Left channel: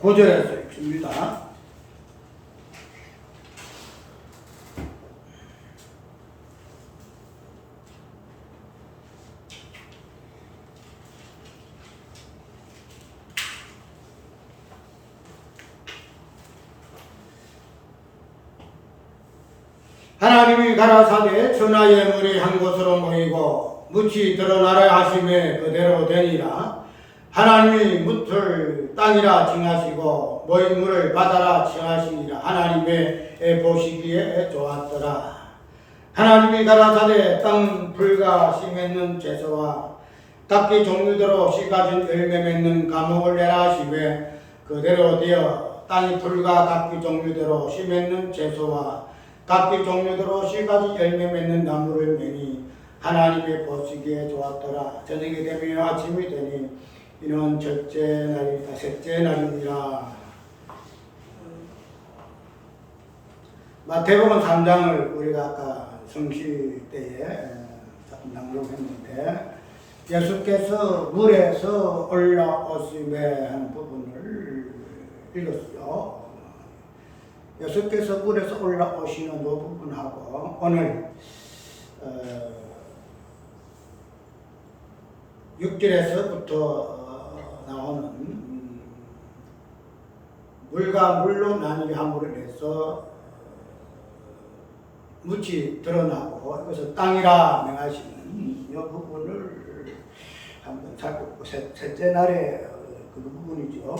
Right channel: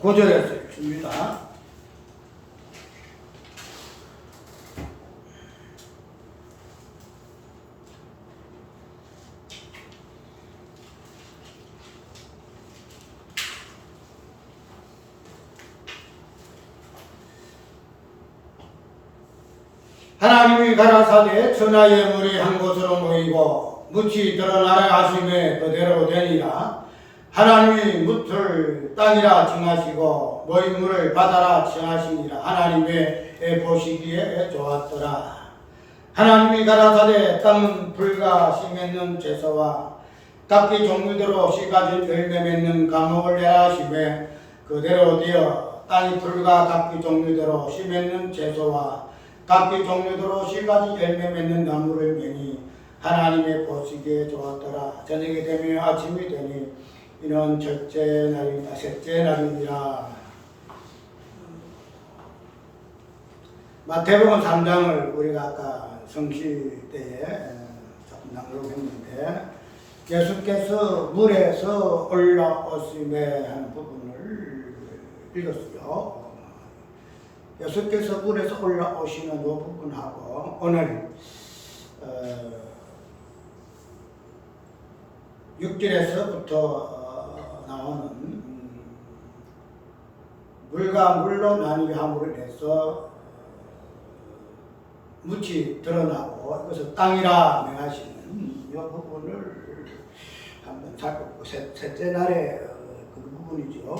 9절에서 읽습니다. 하나님이 가라사대 천하의 물이 한 곳으로 모이고 묻이 드러나라 하심에 그대로 되니라. 하나님이 묻을 땅이라 칭하시고 모인 물을 바다라 칭하시니라. 하나님의 보시기에 좋았더라. 하나님이 가라사대 땅은 풀과 씨 맺는 채소와 각기 종류대로 씨 가진 열매 맺는 과목을 내라 하심에 그대로 되어 땅이 풀과 각기 종류대로 씨 맺는 채소와 각기 종류대로 씨 가진 열매 맺는 나무를 매니 하나님의 보시기에 좋았더라. 저녁이 되면 아침이 되니 이는 첫째 날이다. 셋째 날이니라. 마태복음 3장을 우리가 아까 성시 때에 조금 낭독했는데 예수께서 물에서 올라오심에 하는 부분을 읽었어요. 예수께서 물에서 올라오시는 이 부분하고 오늘 6절에서부터 나오는 물과 물로 나뉘게 함으로 인해서 묻이 드러나고 이것을 땅이라 명하시는 이 부분을 한번 살펴보고 셋째 날에 그 부분이죠.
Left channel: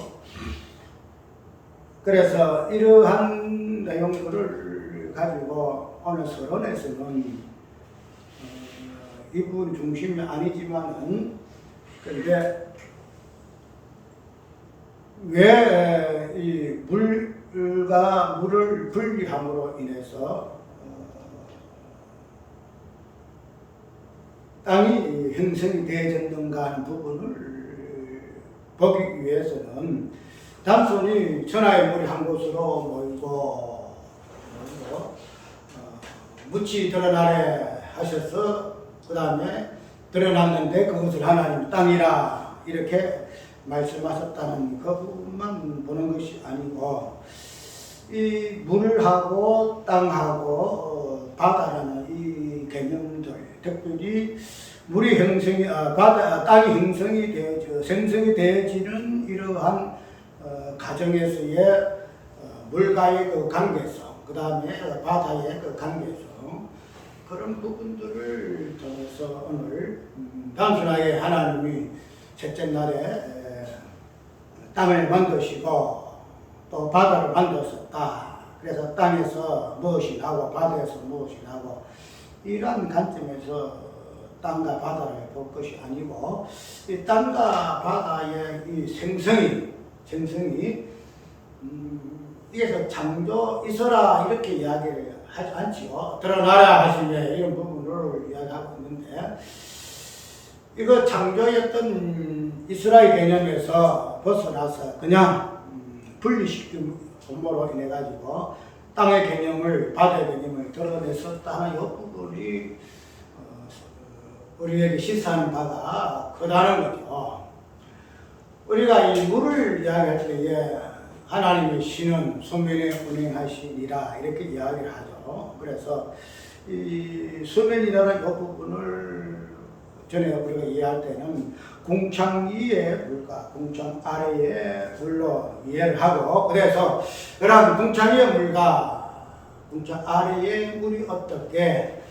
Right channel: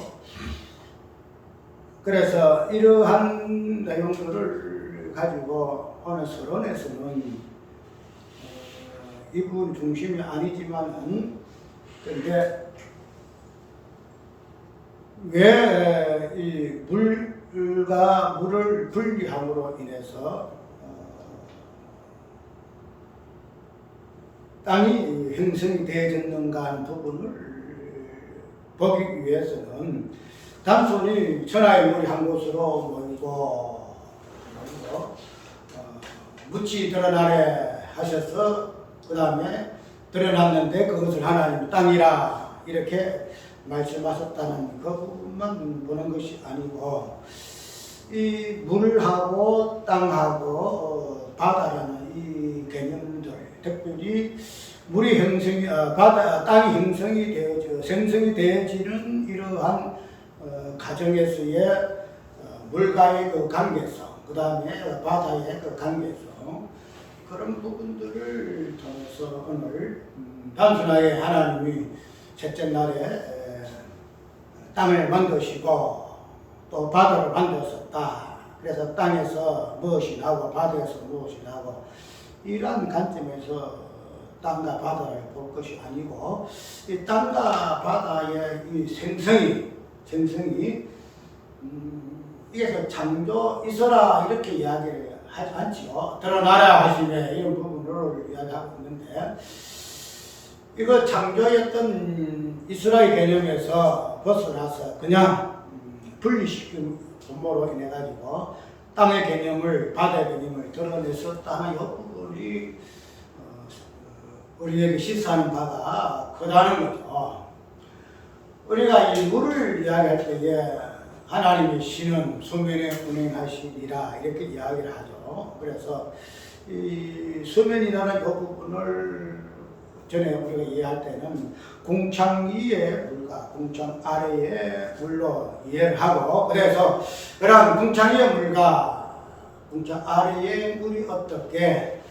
그래서 이러한 내용들을 가지고 오늘 서론에서는 이 부분 중심이 아니지만은 그런데 왜 이 물과 물을 분리함으로 인해서 땅이 형성이 되어졌는가 하는 부분을 보기 위해서는 단순히 천하의 물이 한 곳으로 모이고 묻이 드러나래 하셔서 그 다음에 드러났는데 그것을 하나님 땅이라 이렇게 말씀하셨다는 그 부분만 보는 것이 아니고 이 물하고 땅하고 바다라는 이 개념들 특별히 물이 형성이 땅이 형성이 되어져 생성이 되어지는 이러한 가정에서의 물과의 그 관계성, 그 다음에 바다의 그 관계성 그런 부분들을 통해서 오늘 단순하게 하나님이 셋째 날에 땅을 만드시고 또 바다를 만드셨다. 그래서 땅에서 무엇이 나고 바다에서 무엇이 나고 이러한 관점에서 땅과 바다를 볼 것이 아니고 이 땅과 바다의 이 생성이 이게서 창조 있어라 이렇게 이야기를 하지 않지요. 드러나라 하시며 이런 부분을 이야기하고 있는데 이거 창조였던 이스라엘 개념에서 벗어나서 그냥 분리시킨 음모로 인해 가지고 땅의 개념을 바다의 개념을 드러냈었다는 이 부분이 우리에게 시사하는 바가 크다는 거죠. 우리가 이 물을 이야기할 때에 하나님의 신은 수면에 운행하시니라 이렇게 이야기를 하죠. 그래서 이 수면이라는 이 부분을 전에 우리가 이해할 때는 궁창 위의 물과 궁창 아래의 물로 이해를 하고 그래서 그런 궁창 위의 물과 궁창 아래의 물이 어떻게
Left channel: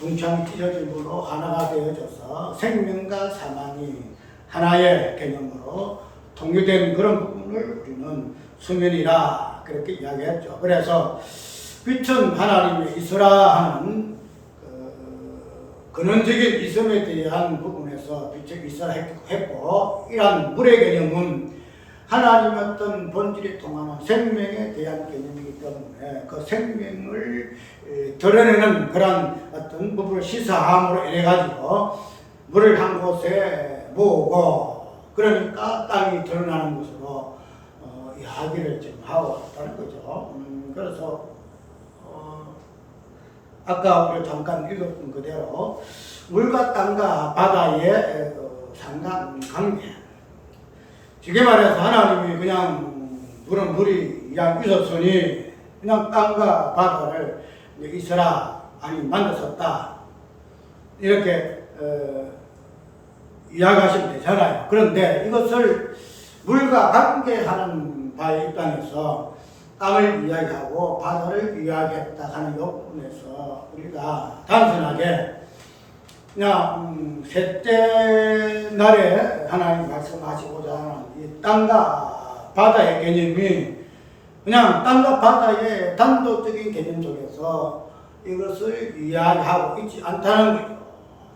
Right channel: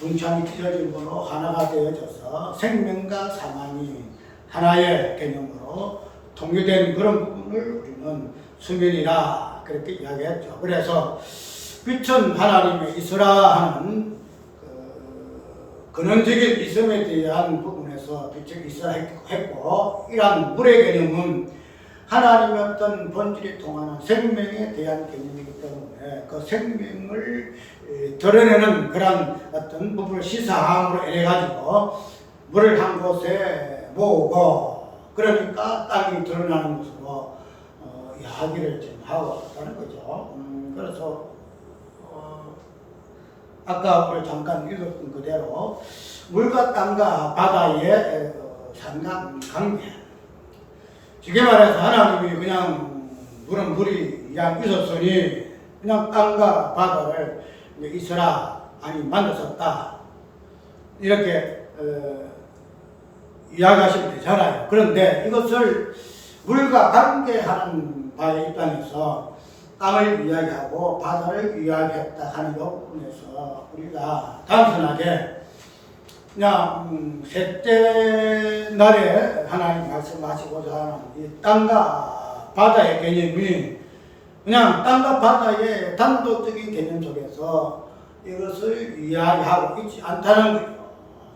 궁창이 찢어짐으로 하나가 되어져서 생명과 사망이 하나의 개념으로 통일된 그런 부분을 우리는 수면이라 그렇게 이야기했죠. 그래서 빛은 하나님의 있으라 하는 근원적인 있음에 대한 부분에서 빛이 있어라 했고 이러한 물의 개념은 하나님의 어떤 본질이 통하는 생명에 대한 개념이기 때문에 그 생명을 드러내는 그런 어떤 부분을 시사함으로 인해 가지고 물을 한 곳에 모으고 그러니까 땅이 드러나는 것으로 이야기를 지금 하고 있다는 거죠. 그래서 아까 우리 잠깐 읽었던 그대로 물과 땅과 바다의 상관관계 쉽게 말해서 하나님이 그냥 물은 물이 그냥 있었으니 그냥 땅과 바다를 이제 있어라 아니 만들었다 이렇게 이야기하시면 되잖아요. 그런데 이것을 물과 관계하는 바의 입장에서 땅을 이야기하고 바다를 이야기했다 하는 이 부분에서 우리가 단순하게 그냥 셋째 날에 하나님 말씀하시고자 하는 이 땅과 바다의 개념이 그냥 땅과 바다의 단도적인 개념 속에서 이것을 이야기하고 있지 않다는 거죠.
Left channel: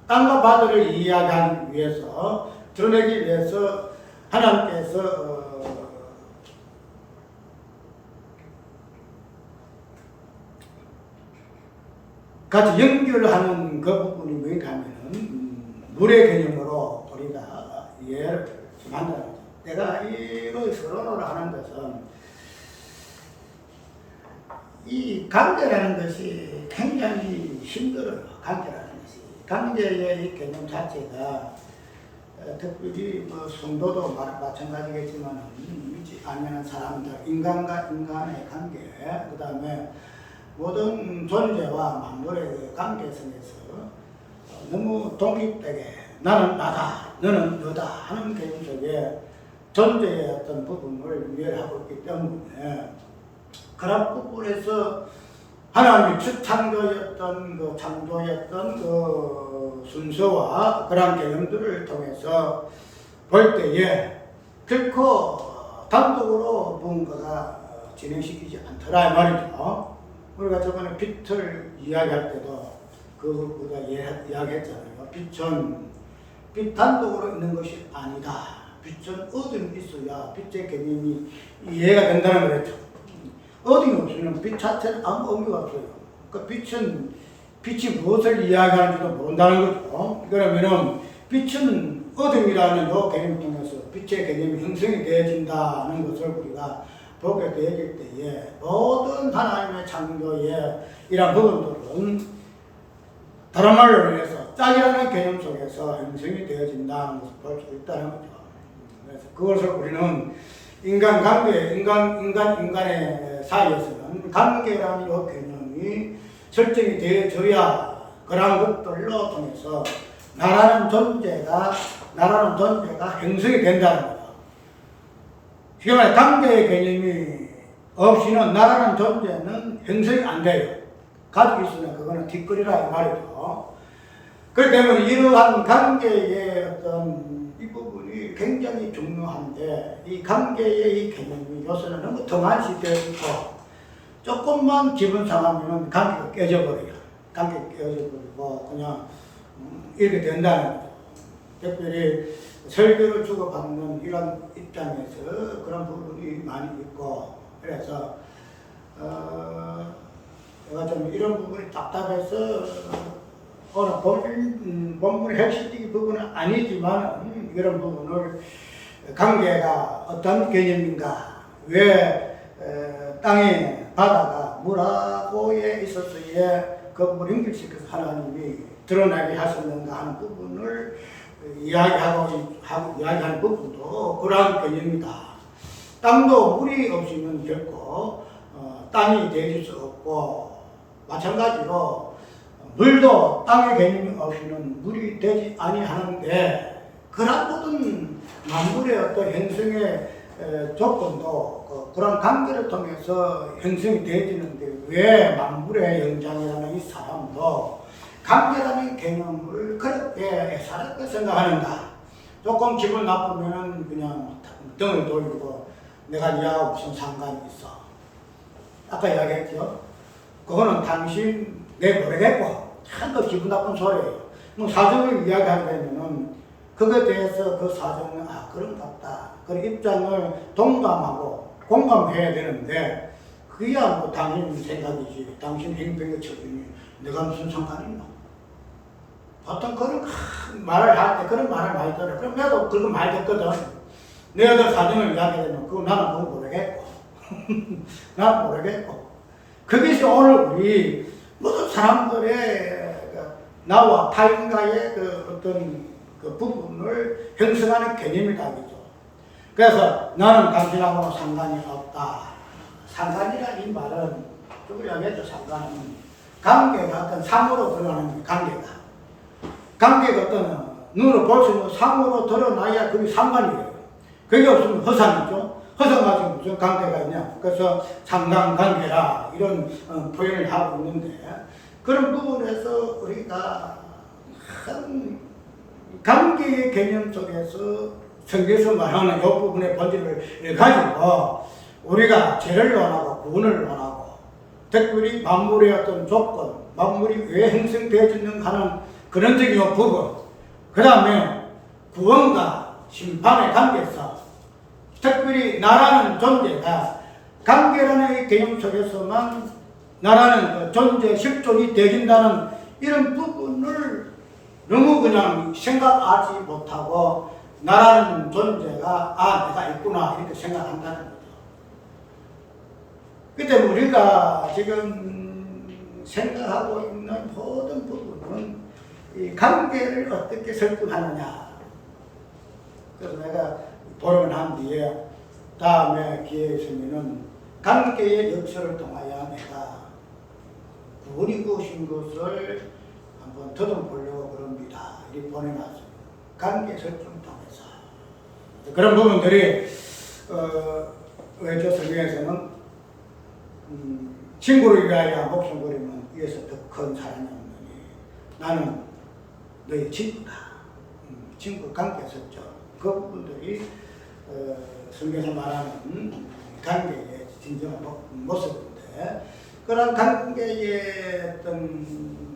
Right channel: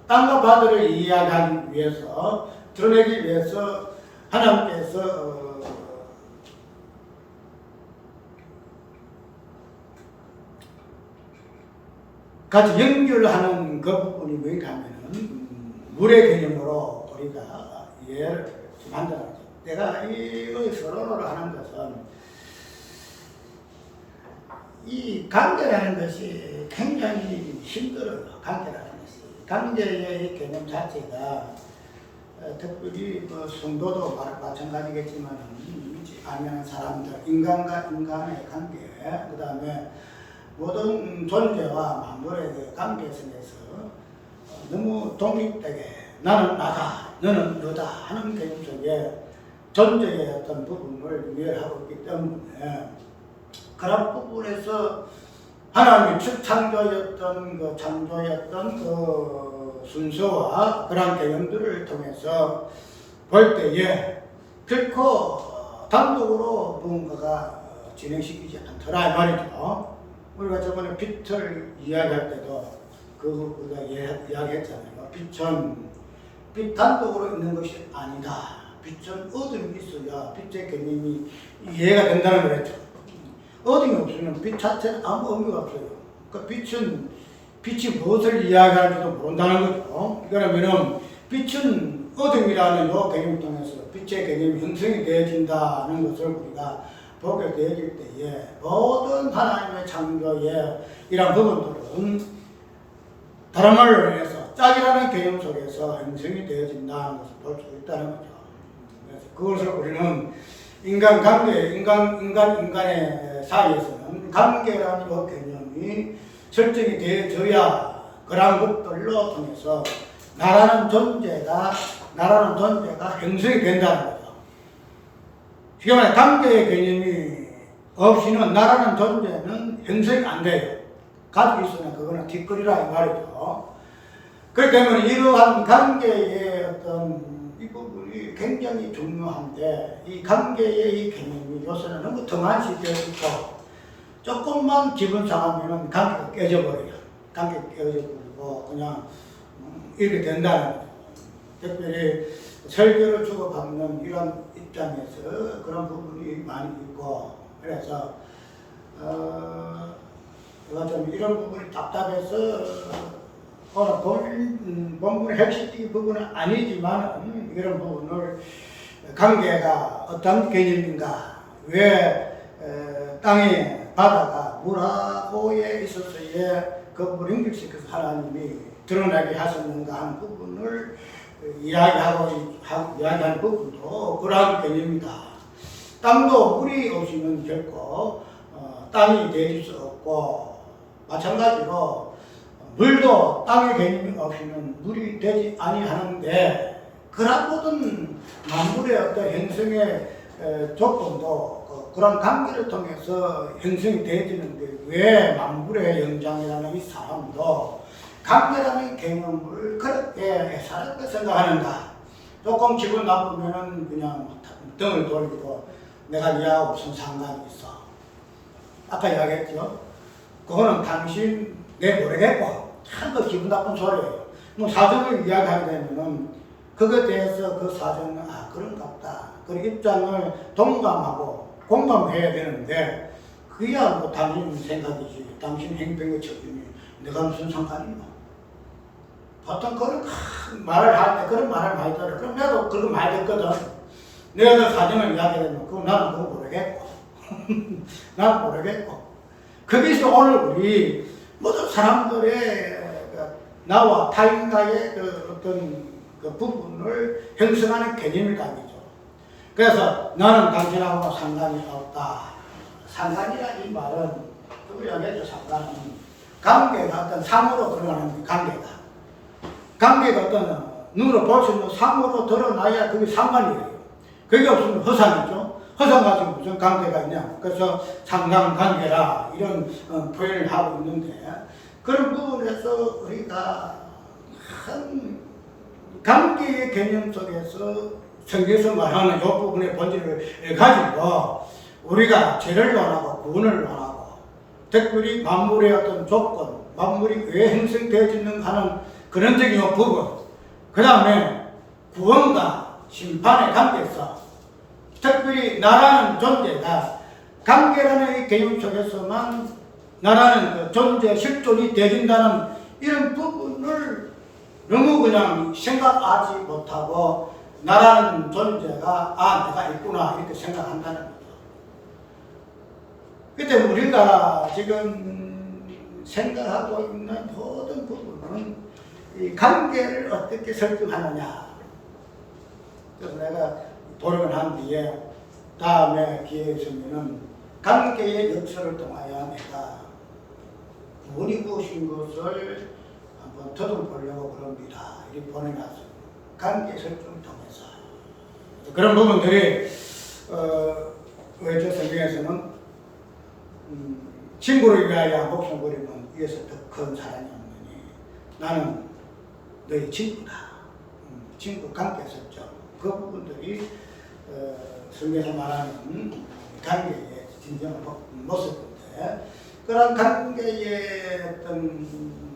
땅과 바다를 이야기하기 위해서, 드러내기 위해서 하나님께서 같이 연결하는 그 부분이 뭔가 하면은 물의 개념으로 우리가 이해를 만들어야죠. 내가 이걸 서론으로 하는 것은 이 관계라는 것이 굉장히 힘들어요. 관계라는 것이. 관계의 이 개념 자체가 특별히 뭐 성도도 마찬가지겠지만 믿지 않는 사람들, 인간과 인간의 관계, 그 다음에 모든 존재와 만물의 관계성에서 너무 독립되게 나는 나다, 너는 너다 하는 개념 속에 존재의 어떤 부분을 이해하고 있기 때문에 그런 부분에서 하나님이 첫 창조였던 그 순서와 그런 개념들을 통해서 볼 때에 결코 단독으로 무언가가 진행시키지 않더라 이 말이죠. 우리가 저번에 빛을 이야기할 때도 우리가 이야기했잖아요. 빛 단독으로 있는 것이 아니다. 빛은 어둠이 있어야 빛의 개념이 이해가 된다는 걸 했죠. 어둠이 없으면 빛 자체는 아무 의미가 없어요. 그러니까 빛이 무엇을 이야기하는지도 모른다는 거죠. 그러면은 빛은 어둠이라는 요 개념을 통해서 빛의 개념이 형성이 되어진다는 것을 우리가 보게 되어질 때에 모든 하나님의 창조의 이런 부분들은 다른 말로 인해서 짝이라는 개념 속에서 형성이 되어진다는 것을 볼 수 있다는 거죠. 그래서 그것을 우리는 인간의 사이에서는 관계라는 이 개념이 설정이 되어져야 그런 것들로 통해서 나라는 존재가 형성이 된다는 거죠. 쉽게 말해 관계의 개념이 없이는 나라는 존재는 형성이 안 돼요. 가지고 있으면 그거는 뒷거리라 이 말이죠. 그렇기 때문에 이러한 관계의 어떤 이 부분이 굉장히 중요한데 이 관계의 이 개념이 요새는 너무 등한시 되어 있고 조금만 기분 상하면은 관계가 깨져버려요. 관계가 깨져버리고 그냥 이렇게 된다는 거죠. 특별히 설교를 주고받는 이런 입장에서 그런 부분이 많이 있고 그래서 제가 좀 이런 부분이 답답해서 오늘 본문의 핵심적인 부분은 아니지만 이런 부분을 관계가 어떤 개념인가 왜 땅에 바다가 물하고에 있어서의 그 물을 연결시켜서 하나님이 드러나게 하셨는가 하는 부분을 이야기하는 부분도 그러한 개념이다. 땅도 물이 없이는 결코 땅이 되질 수 없고 마찬가지로 물도 땅의 개념이 없이는 물이 되지 아니하는데 그런 모든 만물의 어떤 형성의 조건도 그런 관계를 통해서 형성이 되어지는데 왜 만물의 영장이라는 이 사람도 관계라는 개념을 그렇게 애사롭게 생각하는가? 조금 기분 나쁘면은 그냥 등을 돌리고 내가 니하고 무슨 상관이 있어? 아까 이야기했죠? 그거는 당신 내 모르겠고 참 그 기분 나쁜 소리예요. 뭐 사정을 이야기하게 되면은 그거에 대해서 그 사정은 그런가 보다. 그 입장을 동감하고 공감해야 되는데 그야 뭐 당신 생각이지 당신 행동의 처분이 내가 무슨 상관이 있노? 보통 그런 말을 할 때 그런 말을 많이 들어요. 그럼 나도 그런 말 듣거든. 내가 그 사정을 이야기하면 그거 나는 그거 모르겠고 나는 모르겠고 거기서 오늘 우리 모든 사람들의 나와 타인과의 그 어떤 그 부분을 형성하는 개념이다 이죠. 그래서 나는 당신하고 상관이 없다. 상관이라는 이 말은 우리가 맺어 상관은 관계가 어떤 상으로 드러나는 관계가. 관계가 어떤 눈으로 볼 수 있는 상으로 드러나야 그게 상관이에요. 그게 없으면 허상이죠. 허상 가지고 무슨 관계가 있냐. 그래서 상관관계라 이런 표현을 하고 있는데 그런 부분에서 우리가 한 관계의 개념 속에서 성경에서 말하는 이 부분의 본질을 가지고 우리가 죄를 논하고 구원을 논하고 특별히 만물의 어떤 조건, 만물이 왜 형성되어지는 하는 근원적인 부분, 그 다음에 구원과 심판의 관계에서 특별히 나라는 존재가 관계라는 이 개념 속에서만 나라는 그 존재 실존이 되어진다는 이런 부분을 너무 그냥 생각하지 못하고 나라는 존재가 내가 있구나 이렇게 생각한다는 거죠. 그때 우리가 지금 생각하고 있는 모든 부분은 이 관계를 어떻게 설정하느냐. 그래서 내가 보름을 한 뒤에 다음에 기회에 있으면은 관계의 역사를 통하여 내가 구원이 무엇인 것을 한번 더듬보려고 그럽니다. 이렇게 보내놨어요. 관계 설정을 통해서. 그런 부분들이, 왜 저 성경에서는, 친구를 위하여 목숨 버리면 이에서 더 큰 사랑이 없느니 나는 너의 친구다. 친구 관계 설정. 그 부분들이, 성경에서 말하는 관계의 진정한 모습인데, 그런 관계의 어떤,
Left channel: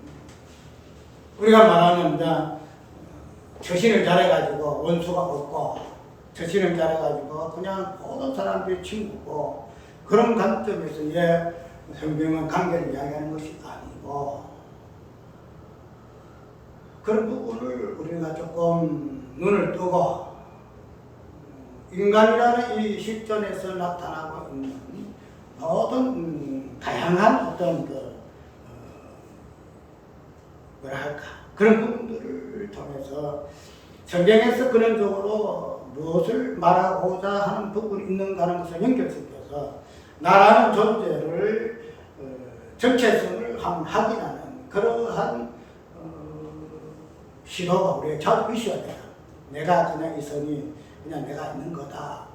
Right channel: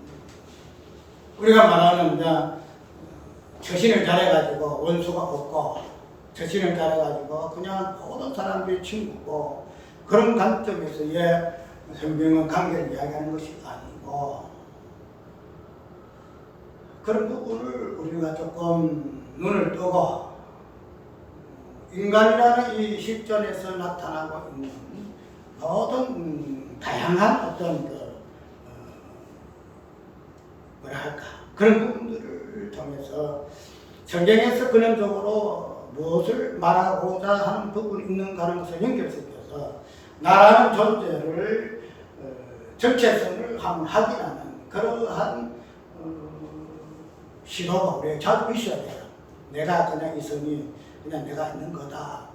우리가 말하는 처신을 잘해가지고 원수가 없고 처신을 잘해가지고 그냥 모든 사람들이 친구고 그런 관점에서의 성경은 관계를 이야기하는 것이 아니고 그런 부분을 우리가 조금 눈을 뜨고 인간이라는 이 실존에서 나타나고 있는 모든 다양한 어떤 그런 부분들을 통해서 성경에서 근원적으로 무엇을 말하고자 하는 부분이 있는가 하는 것을 연결시켜서 나라는 존재를 정체성을 한번 확인하는 그러한 시도가 우리에게 자주 있어야 돼요. 내가 그냥 있으니 그냥 내가 있는 거다.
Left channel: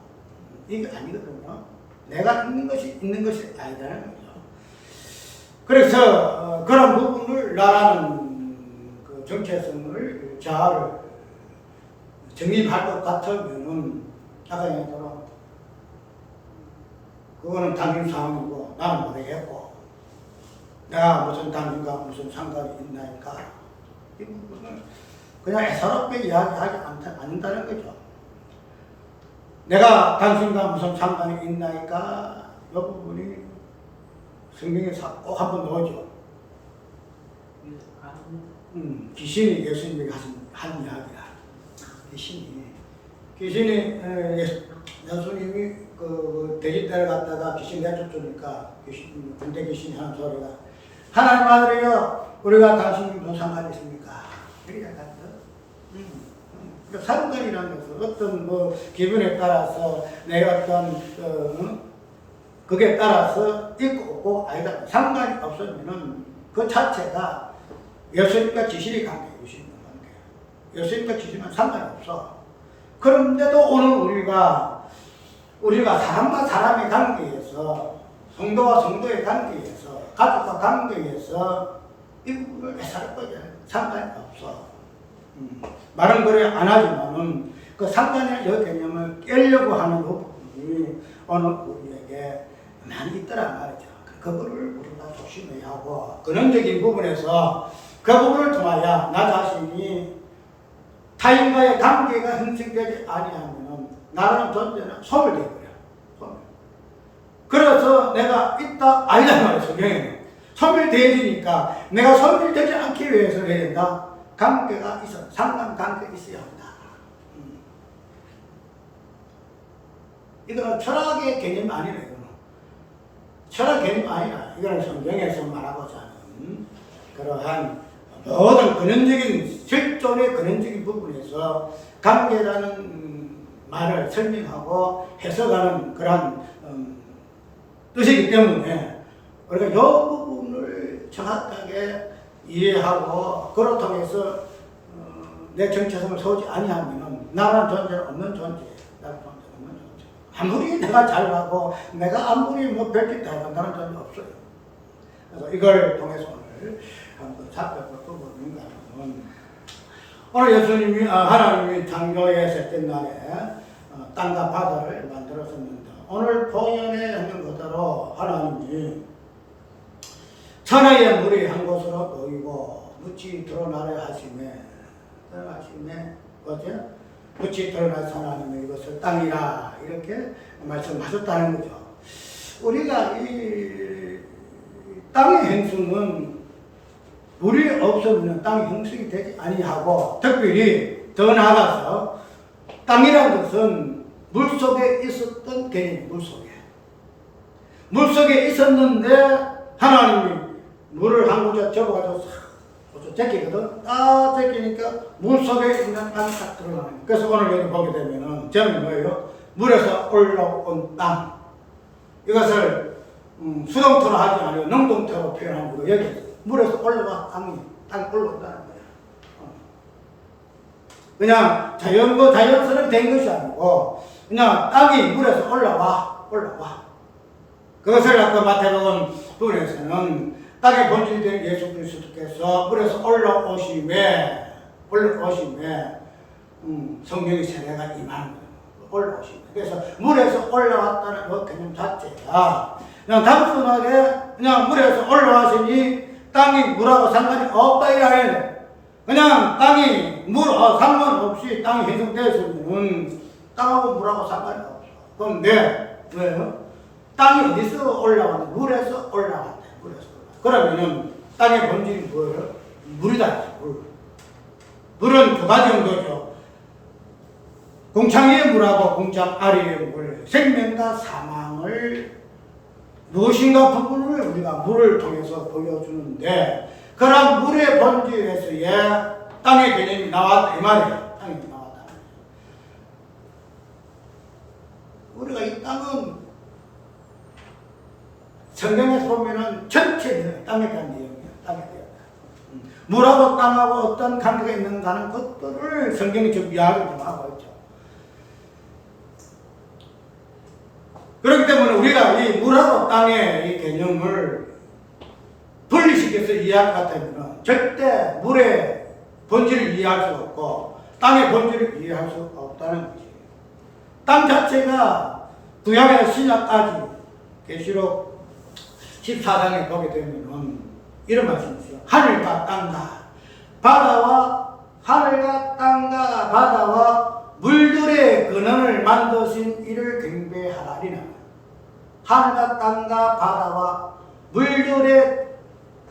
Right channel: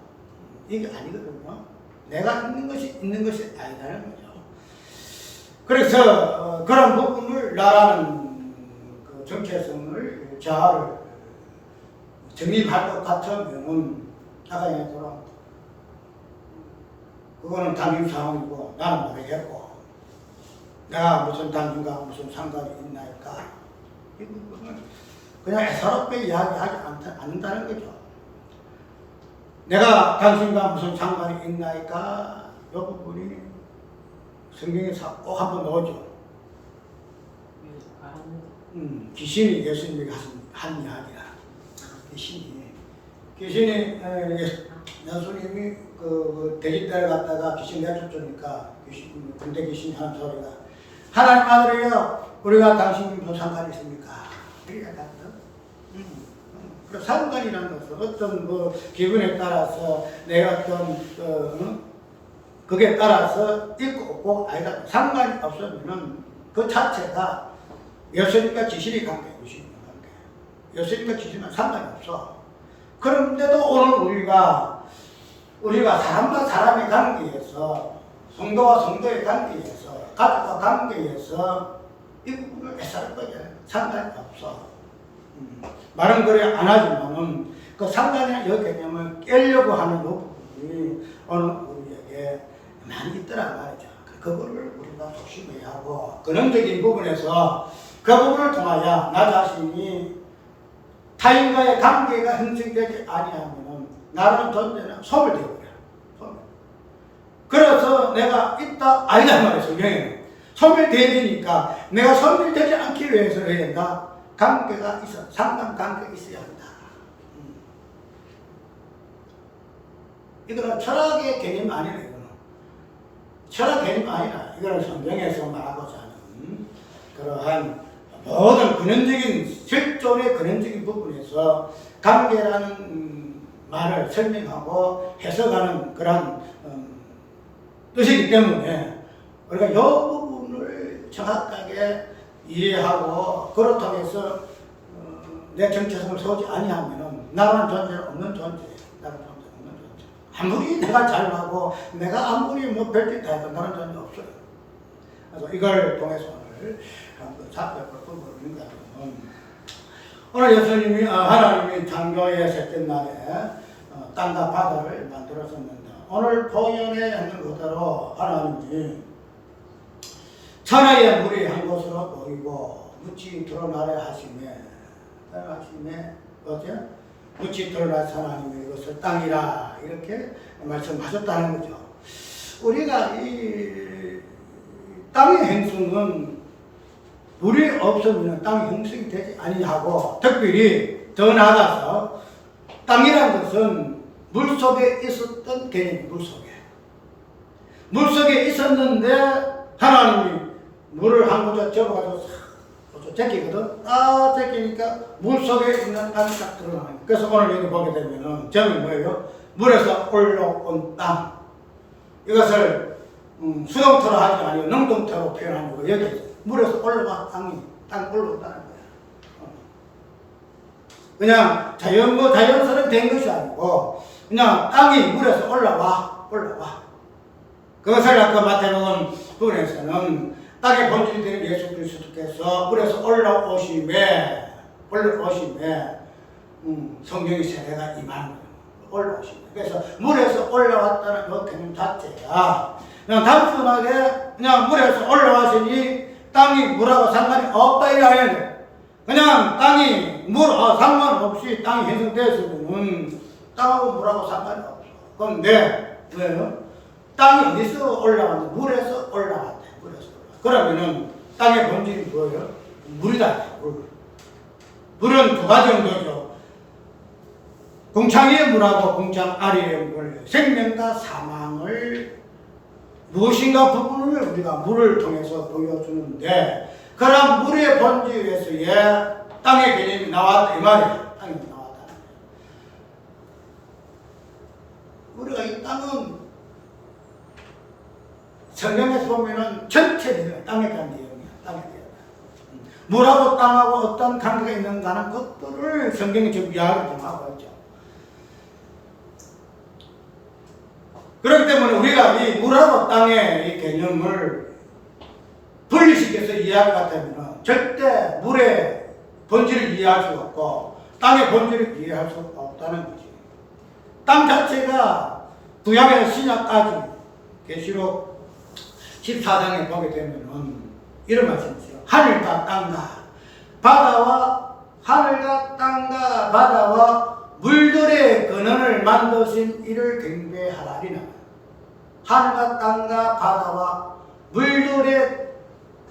이게 아니거든요. 내가 있는 것이 아니라는 거죠. 그래서 그런 부분을 나라는 그 정체성을 자아를 정립할 것 같으면은 아까 얘기했처럼 그거는 당신 상황이고 나는 모르겠고 내가 무슨 당신과 무슨 상관이 있나니까 이 부분을 그냥 애사롭게 이야기하지 않는다는 거죠. 내가 당신과 무슨 상관이 있나니까 이 부분이 성경에 꼭 한번 넣어줘. 귀신이 예수님에게 한 이야기다. 귀신이 예수님이 그 돼지떼를 갖다가 귀신 내쫓으니까 군대 귀신이 하는 소리가 하나님 아들이여 우리가 당신이 무슨 상관이 있습니까? 이렇게 얘기하거든. 그러니까 상관이라는 것은 어떤 뭐 기분에 따라서 내 어떤 그게 따라서 있고 없고 아니다. 상관이 없으면은 그 자체가 예수님과 귀신의 관계, 예수님과 관계. 예수님과 귀신은 상관이 없어. 그런데도 오늘 우리가 사람과 사람의 관계에서, 성도와 성도의 관계에서, 가족과 관계에서 이 부분을 애사롭게 상관이 없어. 말은 그래 안 하지만은 그 상관이라는 이 개념을 깨려고 하는 이 부분이 오늘 우리에게 많이 있더란 말이죠. 그거를 우리가 조심해야 하고 근원적인 부분에서 그 부분을 통하여 나 자신이 타인과의 관계가 형성되지 아니하면 나라는 존재는 소멸되어버려. 소멸. 그래서 내가 있다 아니다 말이에요. 성경에는 소멸되어지니까 내가 소멸되지 않기 위해서 해야 된다. 관계가 있어. 상관관계가 있어야 한다. 이거는 철학의 개념이 아니라 이거는. 철학 개념이 아니라 이거는 성경에서 말하고자 하는 그러한 모든 근원적인 실존의 근원적인 부분에서 관계라는 말을 설명하고 해석하는 그런 뜻이기 때문에 우리가 이 부분을 정확하게 이해하고 그로 통해서 내 정체성을 세우지 아니하면 나라는 존재는 없는 존재예요. 나라는 존재는 없는 존재. 아무리 내가 잘나고 내가 아무리 뭐 별짓 다 해도 나라는 존재 없어요. 그래서 이걸 통해서 오늘 한번 살펴볼 부분인가 하면 오늘 예수님이 하나님이 창조의 셋째 날에 땅과 바다를 만들었었는데 오늘 본연에 있는 그대로 하나님이 천하의 물이 한 곳으로 모이고 묻이 드러나려 하심에 어제 묻이 드러나서 하나님이 이것을 땅이라 이렇게 말씀하셨다는 거죠. 우리가 이 땅의 행성은 물이 없으면 땅의 형성이 되지 아니하고 특별히 더 나아가서 땅이란 것은 물속에 있었던 개념이 물속에 있었는데 하나님이 물을 한 구자 접어가서 싹 제끼거든. 딱 제끼니까 물속에 있는 땅이 딱 드러나는 거예요. 그래서 오늘 여기 보게 되면은 제목이 뭐예요? 물에서 올라온 땅. 이것을 수동태로 하지 아니고 능동태로 표현한 거고 여기 물에서 올라와 땅이 올라온다는 거야. 그냥 자연스럽게 된 것이 아니고 그냥 땅이 물에서 올라와. 그것을 아까 마태복음 부분에서는 땅의 본질이 되는 예수 그리스도께서 물에서 올라오심에 성령의 세례가 임하는 거예요. 올라오심에. 그래서 물에서 올라왔다는 그 개념 자체가 그냥 단순하게 그냥 물에서 올라왔으니 땅이 물하고 상관이 없다 이 아니에요. 그냥 땅이 상관없이 땅이 형성되었으면 땅하고 물하고 상관이 없어. 그런데 왜요? 땅이 어디서 올라왔는데 물에서 올라왔대. 그러면은 땅의 본질이 뭐예요? 물이다. 물은 두 가지 정도죠. 궁창 위의 물하고 궁창 아래의 물, 생명과 사망을 무엇인가 부분을 우리가 물을 통해서 보여주는데 그런 물의 본질에서의 땅의 개념이 나왔다 이 말이에요. 땅이 나왔다. 우리가 이 땅은 성경에서 보면은 전체 내용, 땅에 대한 내용이야. 땅에 대한. 물하고 땅하고 어떤 관계가 있는가 하는 것들을 성경이 지금 이야기를 좀 하고 있죠. 그렇기 때문에 우리가 이 물하고 땅의 이 개념을 분리시켜서 이해할 것 같으면 절대 물의 본질을 이해할 수 없고 땅의 본질을 이해할 수 없다는 거지. 땅 자체가 구약에서 신약까지 계시록 14장에 보게 되면은 이런 말씀이 있어요. 하늘과 땅과 바다와 물들의 근원을 만드신 이를 경배하라리나. 하늘과 땅과 바다와 물들의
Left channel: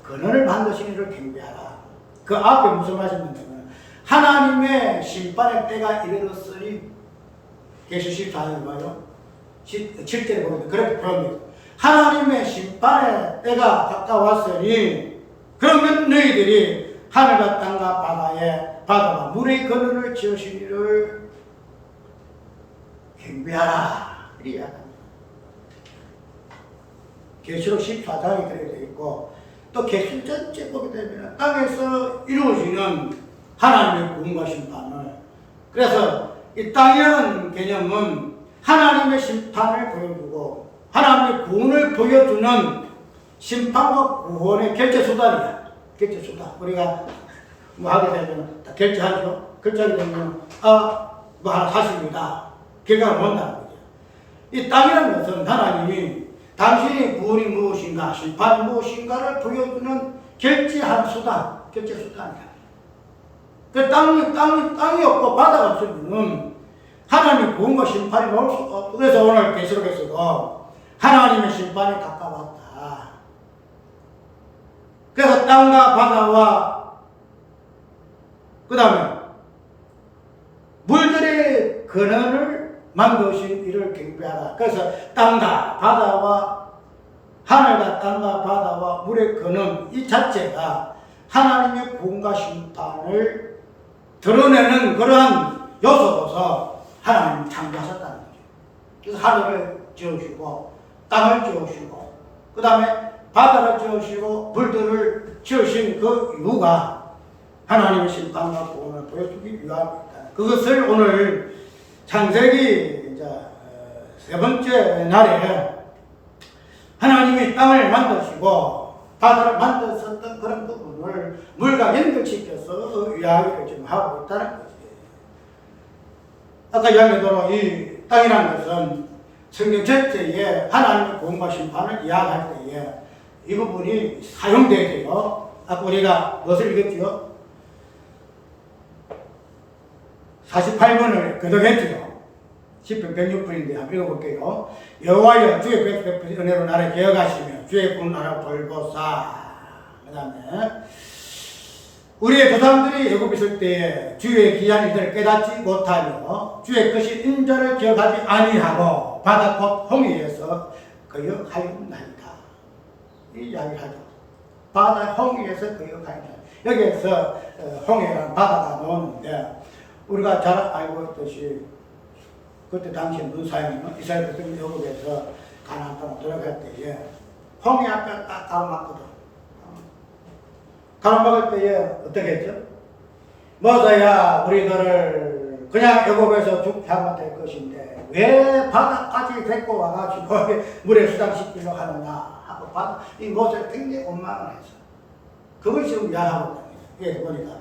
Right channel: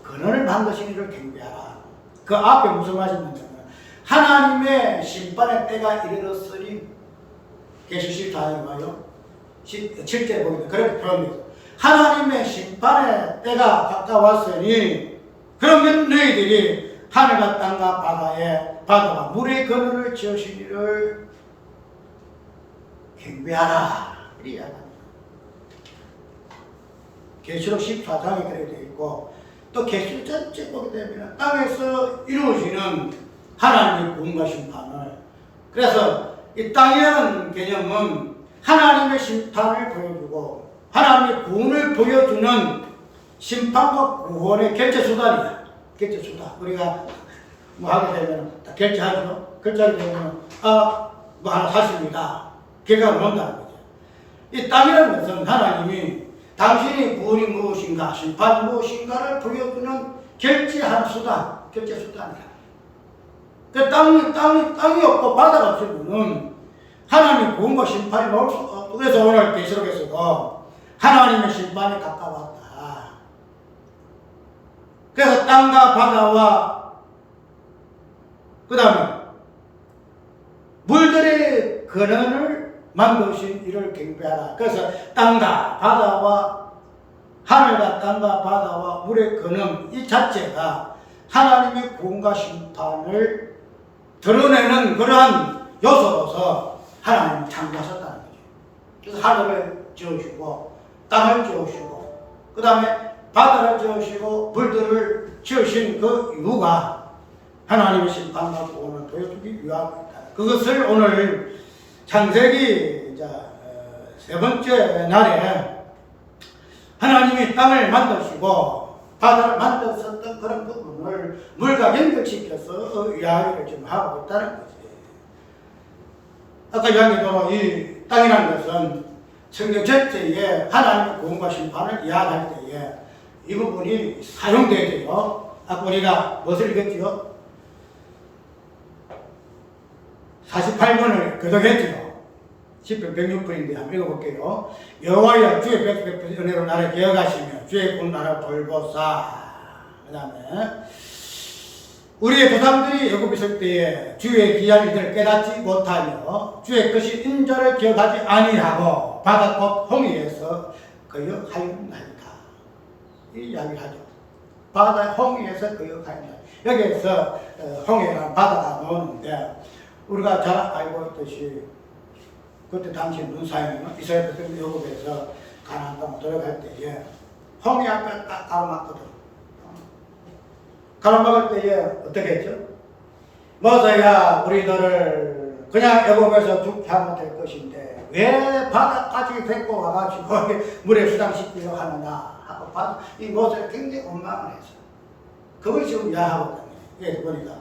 근원을 만드신 이를 경배하라. 그 앞에 무슨 말씀이냐면 하나님의 심판의 때가 이르렀으니 계시 14장에 봐요. 7절에 보면 그렇게 표현합니다. 하나님의 심판의 때가 가까웠으니 그러면 너희들이 하늘과 땅과 바다와 물의 근원을 지으신 이를 경배하라. 이렇게 이야기합니다. 계시록 14장이 그렇게 되어 있고 또 계시록 전체 보게 되면 땅에서 이루어지는 하나님의 구원과 심판을 그래서 이 땅이라는 개념은 하나님의 심판을 보여주고 하나님의 구원을 보여주는 심판과 구원의 결제수단이야. 결제수단. 우리가 뭐 하게 되면 다 결제하죠. 결제하게 되면 뭐 하나 사십니다. 결과가 뭔다는 거죠. 이 땅이라는 것은 하나님이 당신의 구원이 무엇인가 심판이 무엇인가를 보여주는 결제하는 수단. 결제수단이야. 그 땅이 없고 바다가 없으면 하나님의 구원과 심판이 나올 수 없고 그래서 오늘 계시록에서도 하나님의 심판이 가까웠다. 그래서 땅과 바다와 그 다음에 물들의 근원을 만드신 이를 경배하라. 그래서 땅과 바다와 하늘과 땅과 바다와 물의 근원 이 자체가 하나님의 구원과 심판을 드러내는 그러한 요소로서 하나님이 창조하셨다는 거죠. 그래서 하늘을 지으시고 땅을 지으시고 그 다음에 바다를 지으시고 물들을 지으신 그 이유가 하나님의 심판과 구원을 보여주기 위함입니다. 그것을 오늘 창세기 이제 세 번째 날에 하나님이 땅을 만드시고 바다를 만드셨던 그런 부분을 물과 연결시켜서 이야기를 지금 하고 있다는 거지. 아까 이야기대로 이 땅이라는 것은 성경 전체에 하나님의 구원과 심판을 이야기할 때에 이 부분이 사용되죠. 아까 우리가 무엇을 읽었지요? 48번을 교독했지요. 10편 106번인데 한번 읽어볼게요. 여호와여 주의 백 베푸신 은혜로 나를 기억하시며 주의 군 나를 돌보사. 그 다음에 우리의 조상들이 애굽에 있을 때에 주의 기한 일들을 깨닫지 못하며 주의 크신 인자를 기억하지 아니하고 바다 곧 홍해에서 거역하였나이다. 이 이야기를 하죠. 바다 홍해에서 거역하였나이다. 여기에서 홍해라는 바다가 나오는데 우리가 잘 알고 있듯이 그때 당시 문사형은 이스라엘 백성 애굽에서 가나안 땅으로 들어갈 때에 홍해 앞에 딱 가로막거든. 가로막을 때에 어떻게 했죠? 모세야 우리들을 그냥 애굽에서 죽게 하면 될 것인데 왜 바다까지 데리고 와가지고 물에 수장시키려고 하느냐 하고 이 모세가 굉장히 원망을 했어. 그걸 지금 이야기하거든요. 여기 보니까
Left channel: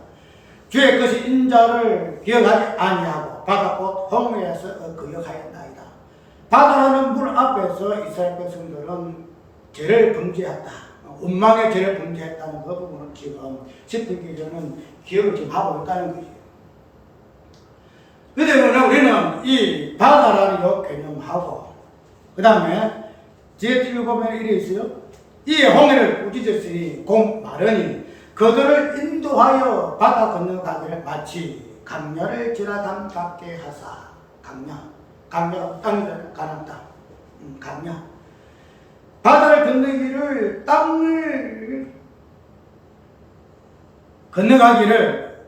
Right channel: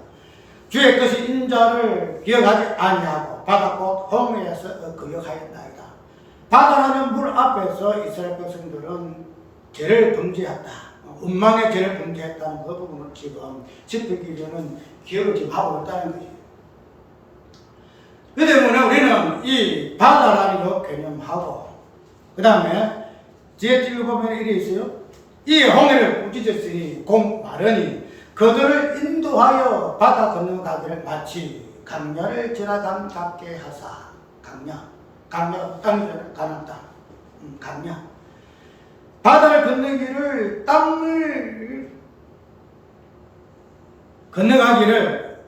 주의 것이 인자를 기억하지 아니하고 바다 곧 홍해에서 거역하였나이다. 바다라는 물 앞에서 이스라엘 백성들은 죄를 범죄했다. 운망의 죄를 범죄했다는 그 부분을 지금 집필기전은 기억을 지금 하고 있다는 거지. 그 때문에 우리는 이 바다라는 요 개념하고 그 다음에 뒤에 읽어보면 이래 있어요. 이 홍해를 꾸짖었으니 곧 마르니 그들을 인도하여 바다 건너가기를 마치 강야를 지나간 같게 하사. 강야 땅이잖아요. 가나안 땅. 강야. 바다를 건너기를 땅을 건너가기를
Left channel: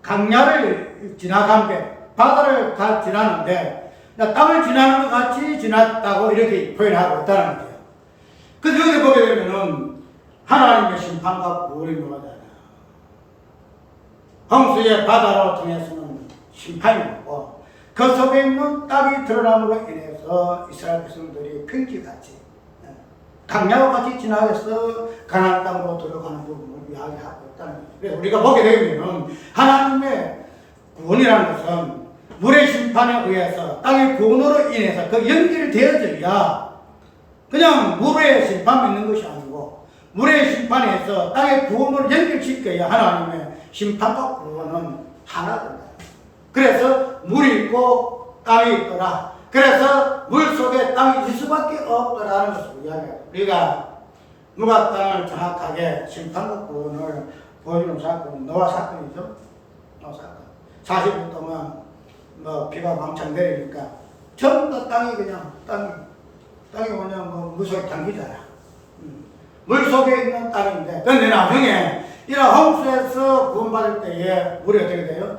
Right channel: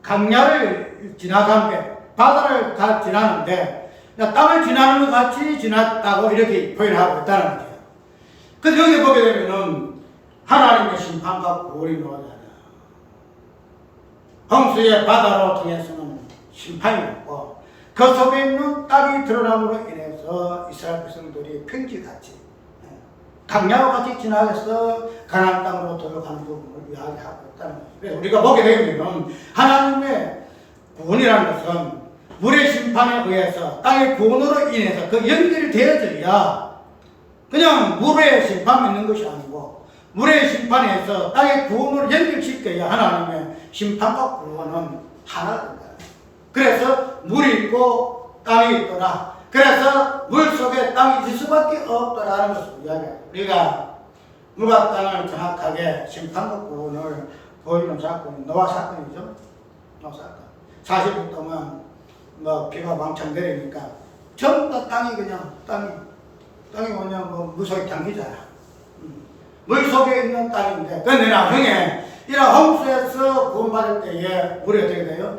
강야를 지나간 배 바다를 다 지나는데 땅을 지나는 것 같이 지났다고 이렇게 표현하고 있다는 거죠. 그래서 여기 보게 되면은 하나님의 심판과 구원이 나오잖아. 홍수의 바다로 통해서는 심판이 없고 그 속에 있는 땅이 드러남으로 인해서 이스라엘 백성들이 평지같이 강야와 같이 지나서 가나안 땅으로 들어가는 부분을 이야기하고 있다는 거예요. 그래서 우리가 보게 되면 하나님의 구원이라는 것은 물의 심판에 의해서 땅의 구원으로 인해서 그 연결이 되어져야 그냥 물의 심판만 있는 것이 아니고 물의 심판에서 땅의 구원으로 연결시켜야 하나님의 심판과 구원은 하나가 된다. 그래서 물이 있고 땅이 있더라. 그래서 물 속에 땅이 있을 수밖에 없더라는 것을 이야기해요. 우리가 물과 땅을 정확하게 심판과 구원을 보여주는 사건은 노아 사건이죠. 노아 사건. 40일 동안 비가 왕창 내리니까 전부 다 땅이 그냥 물 속에 잠기잖아. 물 속에 있는 땅인데, 근데 나중에 이런 홍수에서 구원받을 때에 물이 어떻게 돼요?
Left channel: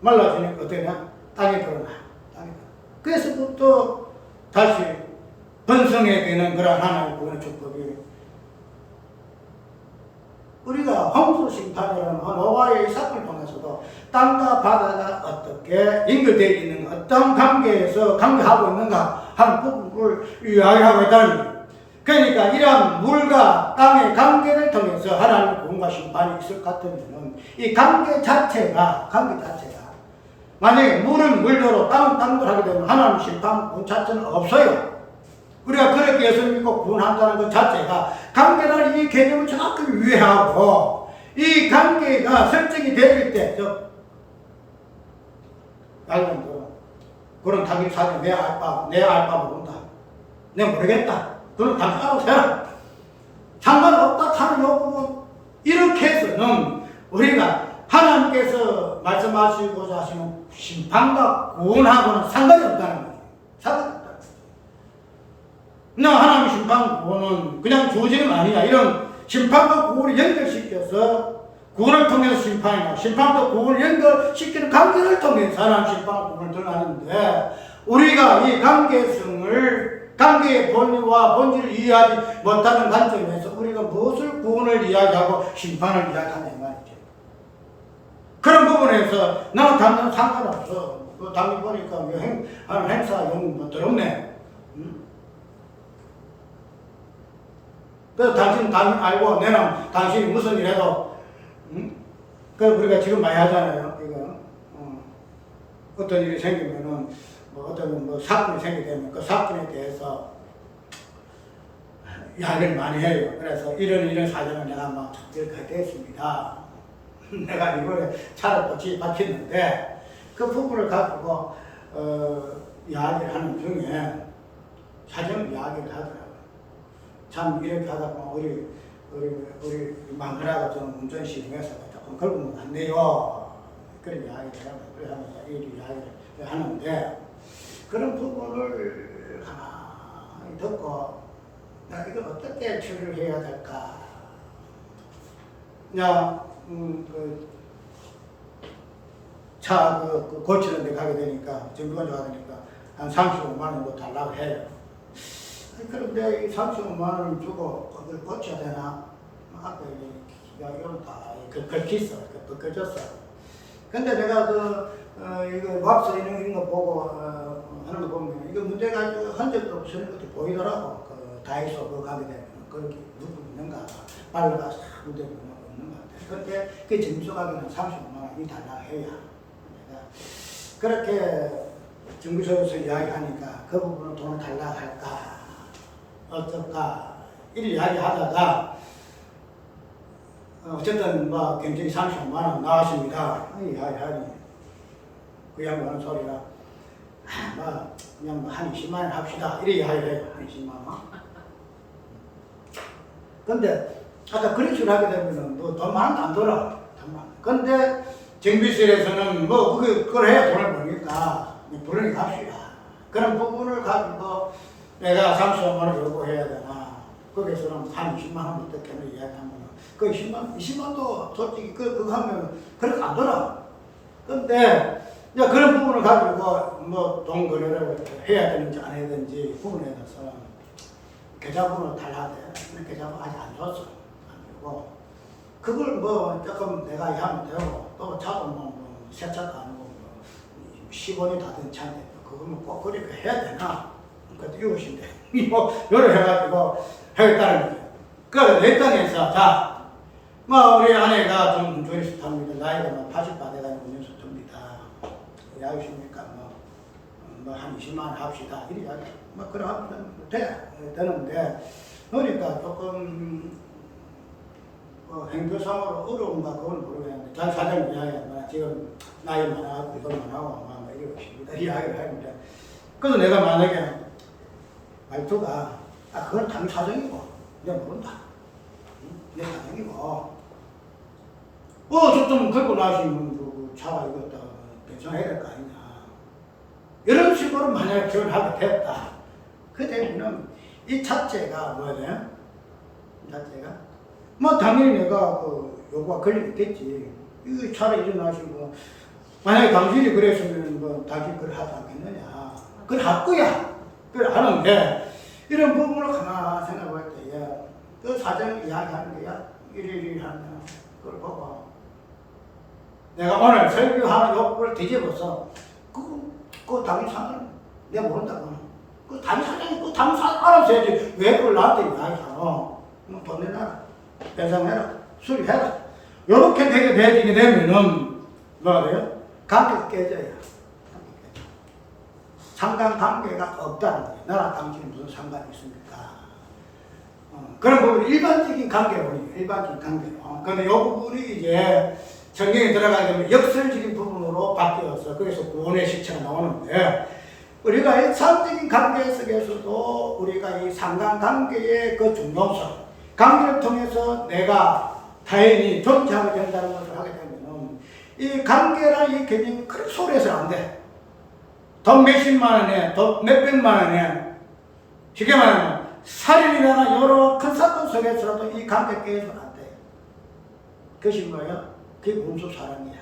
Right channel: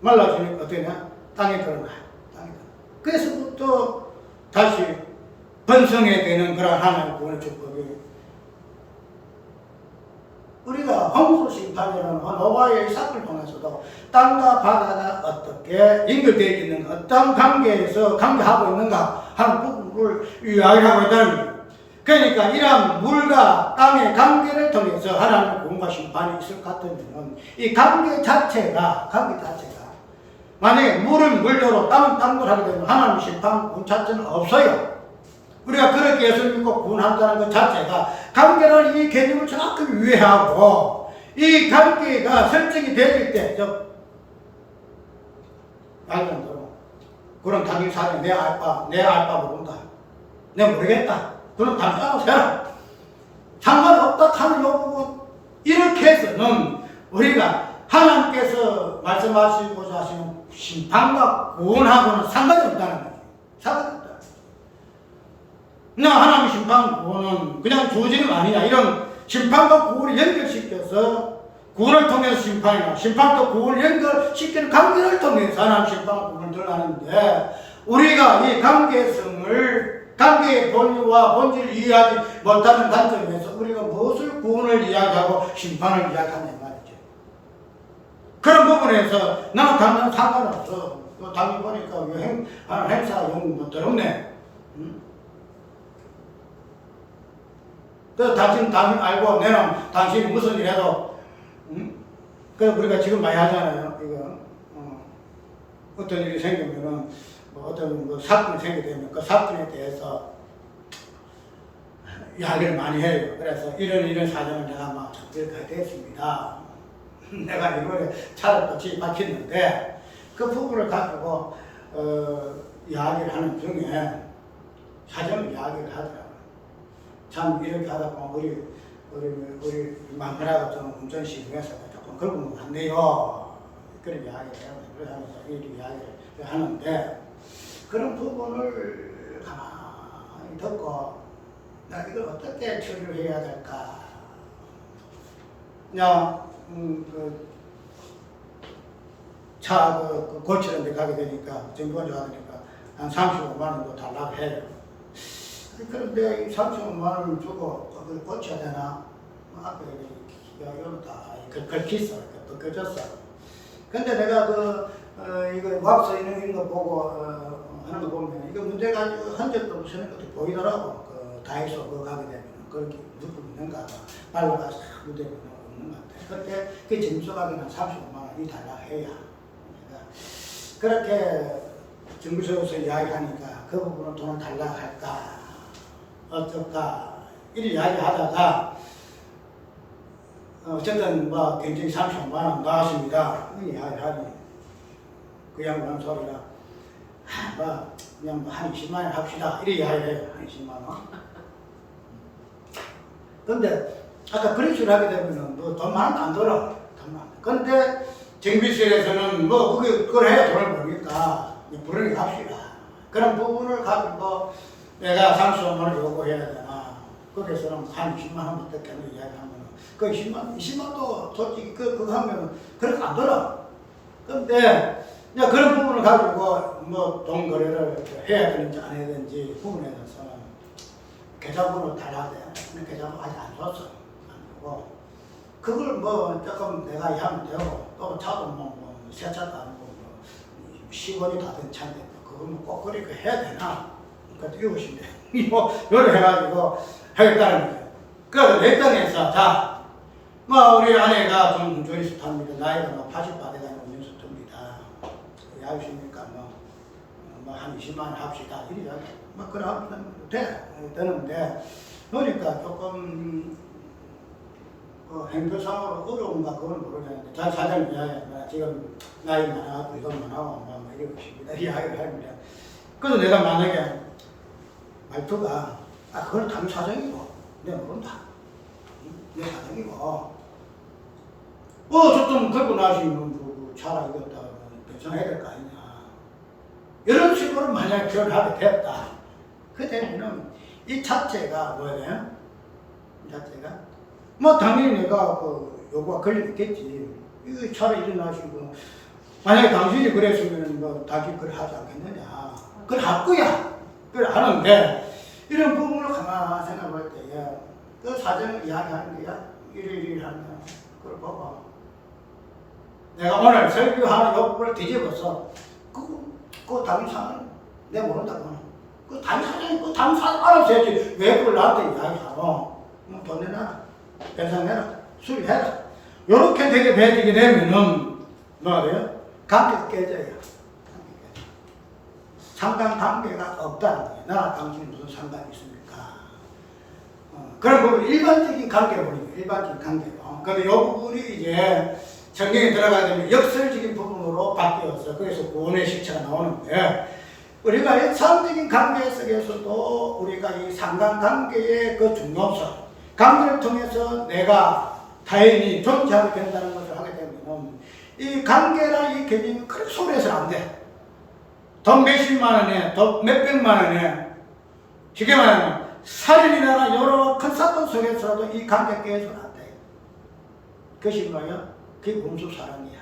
말라지니까 어떻게 되냐? 땅에 들어가요. 그래서부터 다시 번성해야 되는 그런 하나님의 구원의 축복이 우리가 홍수 심판이라는 노아의 사건을 통해서도 땅과 바다가 어떻게 연결되어 있는가, 어떤 관계에서 관계하고 있는가 하는 부분을 이야기하고 있다는 거예요. 그러니까 이런 물과 땅의 관계를 통해서 하나님의 구원과 심판이 있을 것 같으면 이 관계 자체가 만약에 물은 물대로 땅은 땅대로 하게 되면 하나님의 심판 구원 자체는 없어요. 우리가 그렇게 예수 믿고 구원한다는 것 자체가 관계라는 이 개념을 정확히 이해하고 이 관계가 설정이 되어질 때 아니면 그런 당연히 사정 내 알바 모른다. 내가 모르겠다. 그럼 당신 알아서 해라. 상관없다 하는 요 부분 이렇게 해서는 우리가 하나님께서 말씀하시고자 하시는 심판과 구원하고는 상관이 없다는 거예요. 상관이 없다는 거예요. 그냥 하나님의 심판 구원은 그냥 주어지는 거 아니냐. 이런 심판과 구원을 연결시켜서 구원을 통해서 심판이나 심판도 구원을 연결시키는 관계를 통해서 하나님 심판과 구원을 드러나는데 우리가 이 관계성을 관계의 본의와 본질을 이해하지 못하는 관점에서 우리가 무엇을 구원을 이야기하고 심판을 이야기하냐 말이죠. 그런 부분에서 나는 당연히 상관없어. 당연히 보니까 하는 행사 영 더럽네. 응? 그래서 당신 알고 내는 당신이 무슨 일 해도 그래서 우리가 지금 많이 하잖아요. 이거 어떤 일이 생기면은 어떤 사건이 생기게 되면 그 사건에 대해서 이야기를 많이 해요. 그래서 이런 사정을 내가 막 이렇게 됐습니다. 내가 이번에 차를 또 바쳤는데 그 부분을 가지고 이야기를 하는 중에 사정을 이야기를 하더라고요. 참 이렇게 하다 보면 우리 마누라가 좀 운전 시험에서 조금 걸으면 안 돼요. 그런 이야기를 하면서 이 이야기를 하는데 그런 부분을 가만히 듣고 나 이걸 어떻게 처리를 해야 될까? 그냥 차 고치는 데 가게 되니까 정비원에 가니까 한 35만 원도 달라고 해요. 그런데 이 35만 원 주고 그걸 고쳐야 되나? 앞에 이거는 다 걸쳤어. 벗겨졌어. 근데 내가 이거 왁스 이런 거 보고 하는 거 보면 이거 문제 가지고 흔적도 없는 것도 보이더라고. 다이소 가게 되면 그렇게 누구 있는가 발라가 싹 묻어 있는 거 없는 것 같아. 근데 그 점수 가게는 35만 원이 달라 해야. 그렇게 정비소에서 이야기하니까 그 부분은 돈을 달라 할까 어떨까 이리 이야기하다가 어쨌든 굉장히 35만 원 나왔습니다. 이야기하니 그 양반은 소리가 그냥 한 20만 원 합시다 이리 이야기해요. 한 20만 원. 근데 아까 그런 식으로 하게 되면은 돈 많은 안 들어. 근데 정비실에서는 그걸 해야 돈을 버니까 부르니 합시다. 그런 부분을 가지고 내가 35만 원 요구해야 되나. 거기서는 한 20만 원 어떻겠나 이야기하면 그 20만도 솔직히 그거 하면 그렇게 안 들어. 근데 이제 그런 부분을 가지고 돈 거래를 해야 되는지 안 해야 되는지 부분에 대해서 계좌번호 달라야 돼. 계좌번호 아직 안 줬어. 안 주고 그걸 조금 내가 하면 되고 또 차도 새 차도 아니고 10원이 다 된 차인데 그걸 꼭 그렇게 해야 되나? 그것도 이웃인데 요래 해가지고 하겠다는 거예요. 그래서 내 땅에서 우리 아내가 좀 운전수 탑니다. 나이가 80바 돼가지고 운전수 탑니다. 야유십니까? 한 20만 원 합시다. 이리 이야기. 그래 하면 되는데 그러니까 조금 행정상으로 어려운가 그건 모르겠는데 잘 사장님 이야기하면 지금 나이 많아가지고 이건 많아고 이러고 있습니다. 이야기를 합니다. 그래서 내가 만약에 말투가 그건 당연히 사정이고 내가 모른다. 내 사정이고 좀 긁고 나시면 차가 이거 다 변성해야 될 거 아니냐. 이런 식으로 만약에 표현하게 되었다. 그 때문에 이 자체가 뭐야 돼? 이 자체가 당연히 내가 요구가 걸리겠지. 이 차를 일어나시고 만약에 당신이 그랬으면 당신 그래 하지 않겠느냐. 그래 할 거야. 그래 하는데 이런 부분을 가만히 생각할 때에 그 사정을 이야기하는 거야. 이리 하는 거야. 그걸 봐봐. 내가 오늘 설교하는 욕구를 뒤집어서 그 당신 사장 내가 모른다고. 그 당신 사장이 그 당신 사장 알아서 해야지. 왜 그걸 나한테 이야기하노? 돈 내놔라. 배상해라. 수리해라. 요렇게 되게 되게 되면은 뭐가 돼요? 관계가 깨져요. 상관관계가 없다는 거예요. 나랑 당신이 무슨 상관이 있습니까? 그런 부분 일반적인 관계로 보는 거예요. 일반적인 관계로. 근데 이 부분이 이제 성경에 들어가게 되면 역설적인 부분으로 바뀌어서 거기서 구원의 실체가 나오는데 우리가 일상적인 관계 속에서도 우리가 이 상관관계의 그 중요성 관계를 통해서 내가 타인이 존재하게 된다는 것을 하게 되면 이 관계라는 이 개념이 그렇게 소홀해서는 안 돼. 돈 몇십만 원에, 돈 몇백만 원에, 쉽게 말하면 살인이나 여러 큰 사건 속에서라도 이 관계 깨서는 안 돼. 그것이 뭐야? 그게 원수 사랑이야.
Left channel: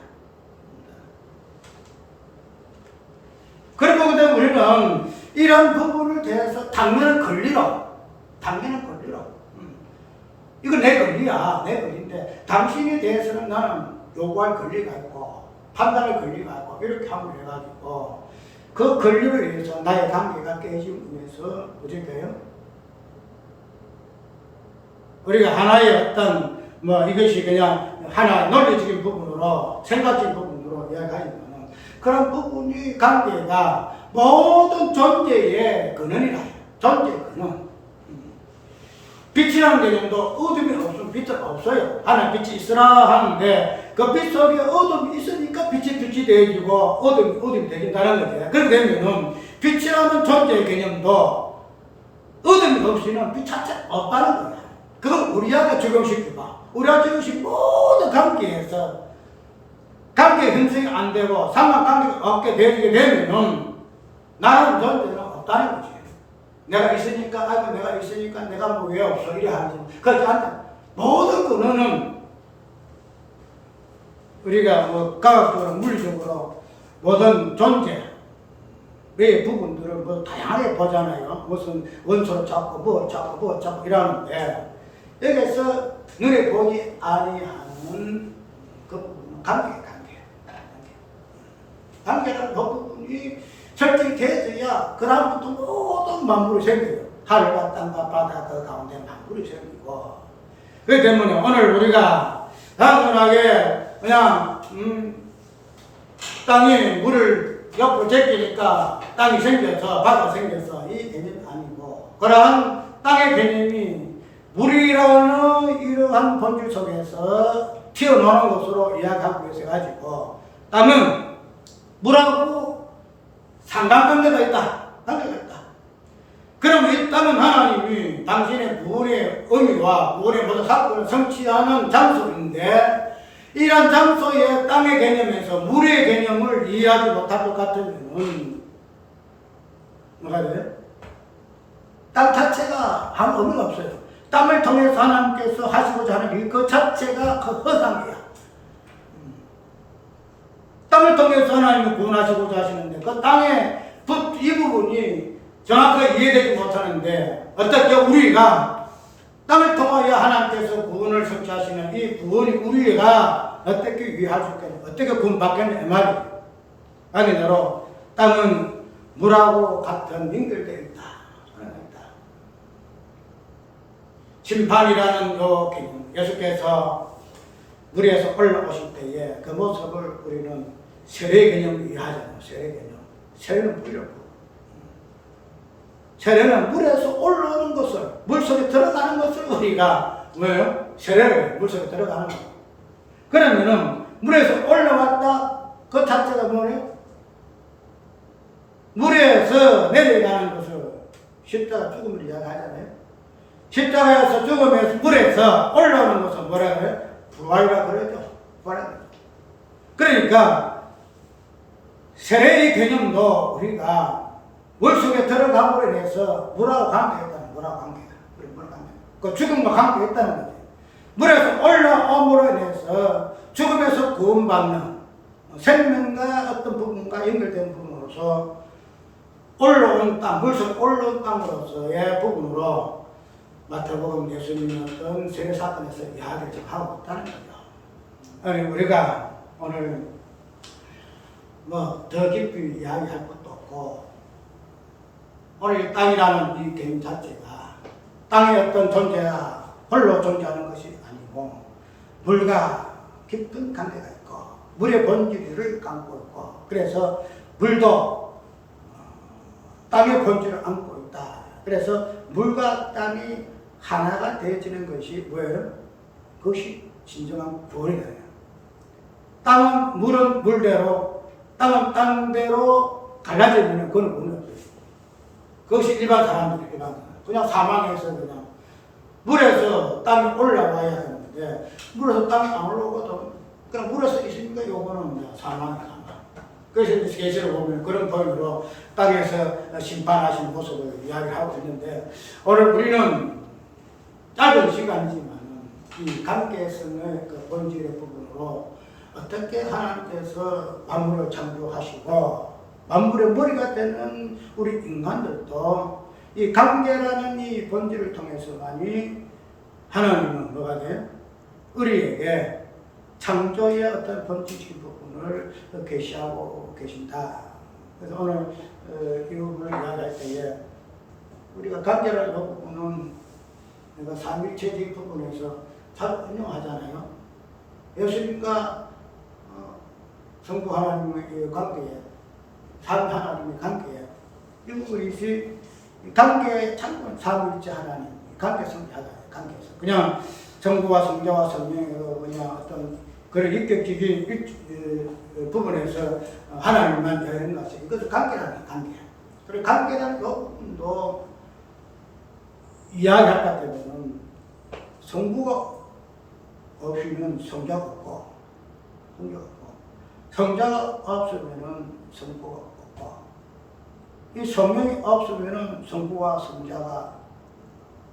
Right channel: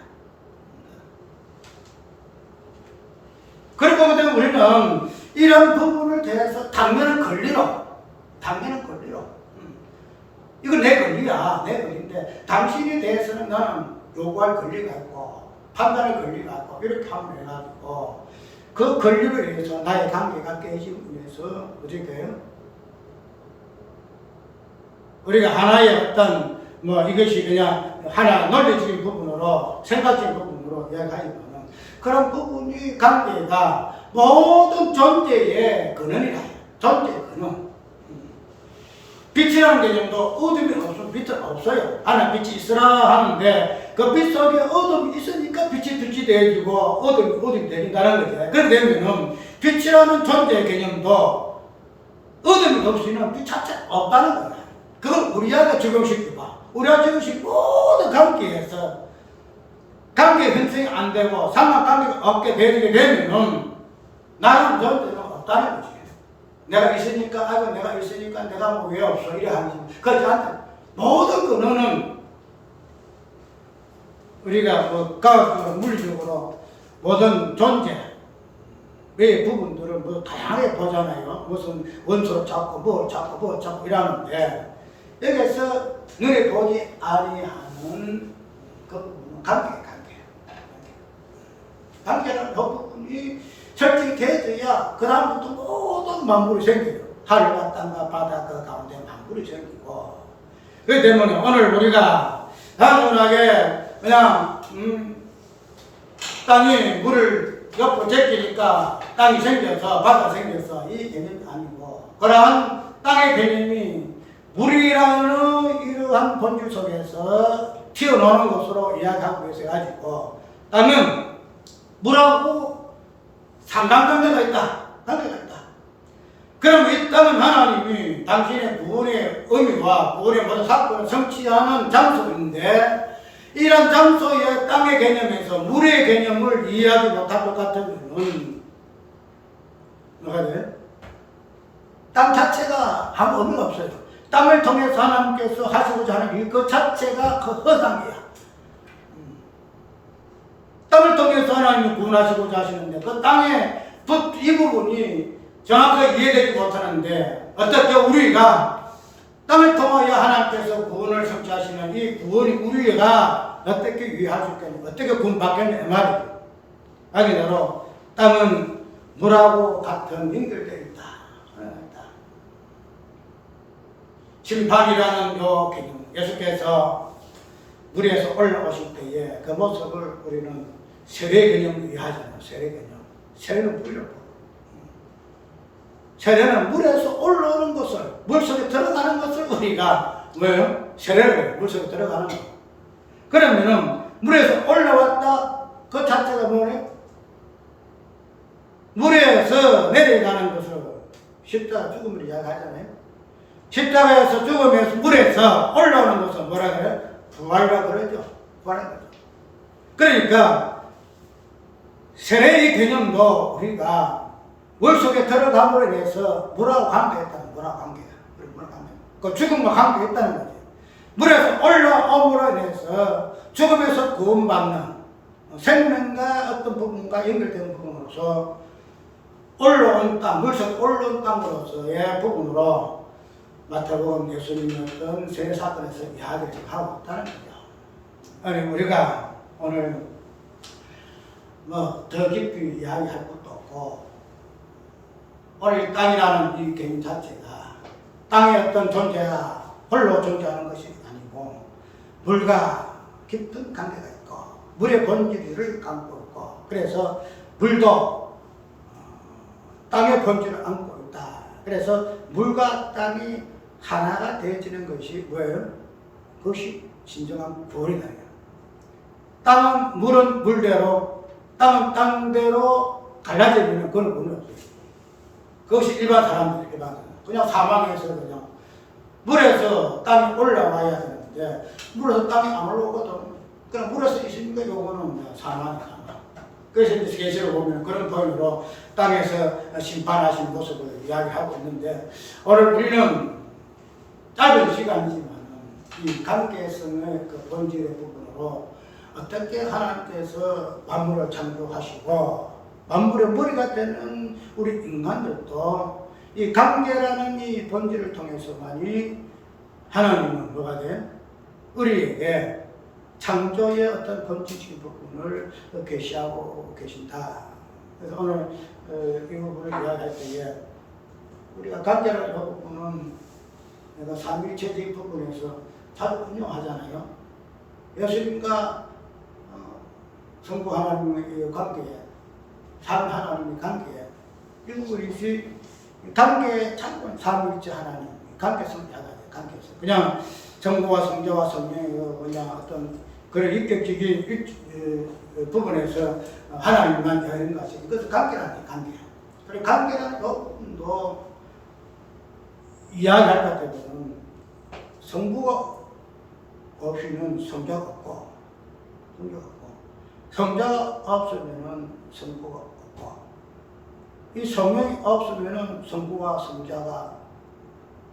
그러고 그다음 우리는 이런 부분을 대해서 당면은 권리로. 이건 내 권리야. 내 권리인데 당신에 대해서는 나는 요구할 권리가 있고 판단할 권리가 있고 이렇게 함을 해가지고 그 권리를 위해서 나의 관계가 깨짐으로 인해서 어떻게 돼요? 우리가 하나의 어떤 이것이 그냥 하나 논리적인 부분으로 생각적인 부분으로 이야기하지만은 그런 부분이 관계가 모든 존재의 근원이라 해요. 존재의 근원. 빛이라는 개념도 어둠이 없으면 빛은 없어요. 하나님 빛이 있으라 하는데 그 빛 속에 어둠이 있으니까 빛이 되어지고 어둠이 되긴다는 거죠. 그렇게 되면은 빛이라는 존재의 개념도 어둠이 없이는 빛 자체가 없다는 거야. 그걸 우리에게 적용시켜봐. 우리가 적용시킨 모든 관계에서 관계 형성이 안 되고 상관관계가 없게 되게 되면은 나는 존재는 없다는 거지. 내가 있으니까 내가 왜 없어 이래 하면서 그렇지 않다. 모든 근원은 우리가 과학적으로 물리적으로 모든 존재의 부분들을 다양하게 보잖아요. 무슨 원소를 찾고 뭘 찾고 이러는데 여기서 눈에 보지 아니하는 그 부분은 관계라는 그 부분이 설정이 되어야 그 다음부터 모든 만물이 생겨요. 하늘과 땅과 바다 그 가운데 만물이 생기고 그렇기 때문에 오늘 우리가 단순하게 그냥 땅이 물을 옆으로 제끼니까 땅이 생겨서 바다가 생겨서 이 개념이 아니고 그러한 땅의 개념이 물이라는 이러한 본질 속에서 튀어나오는 것으로 이야기하고 있어가지고 땅은 물하고 상관관계가 있다. 그럼 이 땅은 하나님이 당신의 구원의 의미와 구원의 모든 사건을 성취하는 장소인데 이런 장소의 땅의 개념에서 물의 개념을 이해하지 못할 것 같으면 뭐가 돼요? 땅 자체가 아무 의미가 없어요. 땅을 통해서 하나님께서 하시고자 하는 일 그 자체가 그 허상이야. 땅을 통해서 하나님이 구원하시고자 하시는데 그 땅의 이 부분이 정확하게 이해되지 못하는데 어떻게 우리가 땅을 통하여 하나님께서 구원을 성취하시는 이 구원이 우리가 어떻게 이해할 수 있겠냐, 어떻게 구원받겠냐 이 말이에요. 아니더러 땅은 물하고 같은 연결되어 있다. 심판이라는 요 개념, 예수께서 물에서 올라오실 때에 그 모습을 우리는 세례 개념을 이해하잖아요. 세례 개념. 세례는 물이고 세례는 물에서 올라오는 것을, 물속에 들어가는 것을 우리가 뭐예요? 세례를 해요. 물속에 들어가는 거. 그러면은 물에서 올라왔다 그 자체가 뭐예요? 물에서 내려가는 것을 십자가 죽음을 이야기하잖아요. 십자가에서 죽으면서 물에서 올라오는 것을 뭐라 그래요? 부활이라 그러죠. 부활이라. 그러니까 세례의 개념도 우리가 물속에 들어감으로 인해서 물하고 관계했다는 물하고 관계가. 그 죽음과 관계했다는 거죠. 물에서 올라옴으로 인해서 죽음에서 구원받는 생명과 어떤 부분과 연결된 부분으로서 올라온 땅, 물속에 올라온 땅으로서의 부분으로 마태복음 예수님의 어떤 세례 사건에서 이야기를 좀 하고 있다는 거죠. 아니, 우리가 오늘 더 깊이 이야기할 것도 없고, 오늘 땅이라는 이 개념 자체가 땅의 어떤 존재가 홀로 존재하는 것이 아니고, 물과 깊은 관계가 있고, 물의 본질을 감고 있고, 그래서 물도 땅의 본질을 안고 있다. 그래서 물과 땅이 하나가 되어지는 것이 뭐예요? 그것이 진정한 구원이다. 땅은 물은 물대로, 땅은 땅대로 갈라지면 그건 구원이 없어요. 그것이 일반 사람들, 그냥 사망해서 그냥 물에서 땅이 올라와야 되는데 물에서 땅이 안 올라오거든. 그냥 물에서 있으니까 요거는 사망이야. 그래서 계시록 보면 그런 point 땅에서 심판하시는 모습을 이야기하고 있는데, 오늘 우리는 짧은 시간이지만 이 관계성의 그 본질의 부분으로 어떻게 하나님께서 만물을 창조하시고 만물의 머리가 되는 우리 인간들도 이 관계라는 이 본질을 통해서만이 하나님은 뭐가 돼? 우리에게 창조의 어떤 본질적인 부분을 계시하고 계신다. 그래서 오늘 이 부분을 이야기할 때에 우리가 관계라는 부분은 내가 삼일체적인 부분에서 자주 응용하잖아요. 예수님과 성부 하나님의 관계에, 삼위 하나님의 관계에, 이 부분이 관계 참고 삼일체 하나님 관계성자가 관계성. 그냥 성부와 성자와 성령의 그냥 어떤 그런 인격적인 부분에서 하나님만 되는 것이 이것은 관계라는 관계. 그리고 관계라는 부분도 이야기할 것 같으면 성부가 없이는 성자가 없고, 성자가 없으면은 성부가 없고, 이 성령이 없으면은 성부와 성자가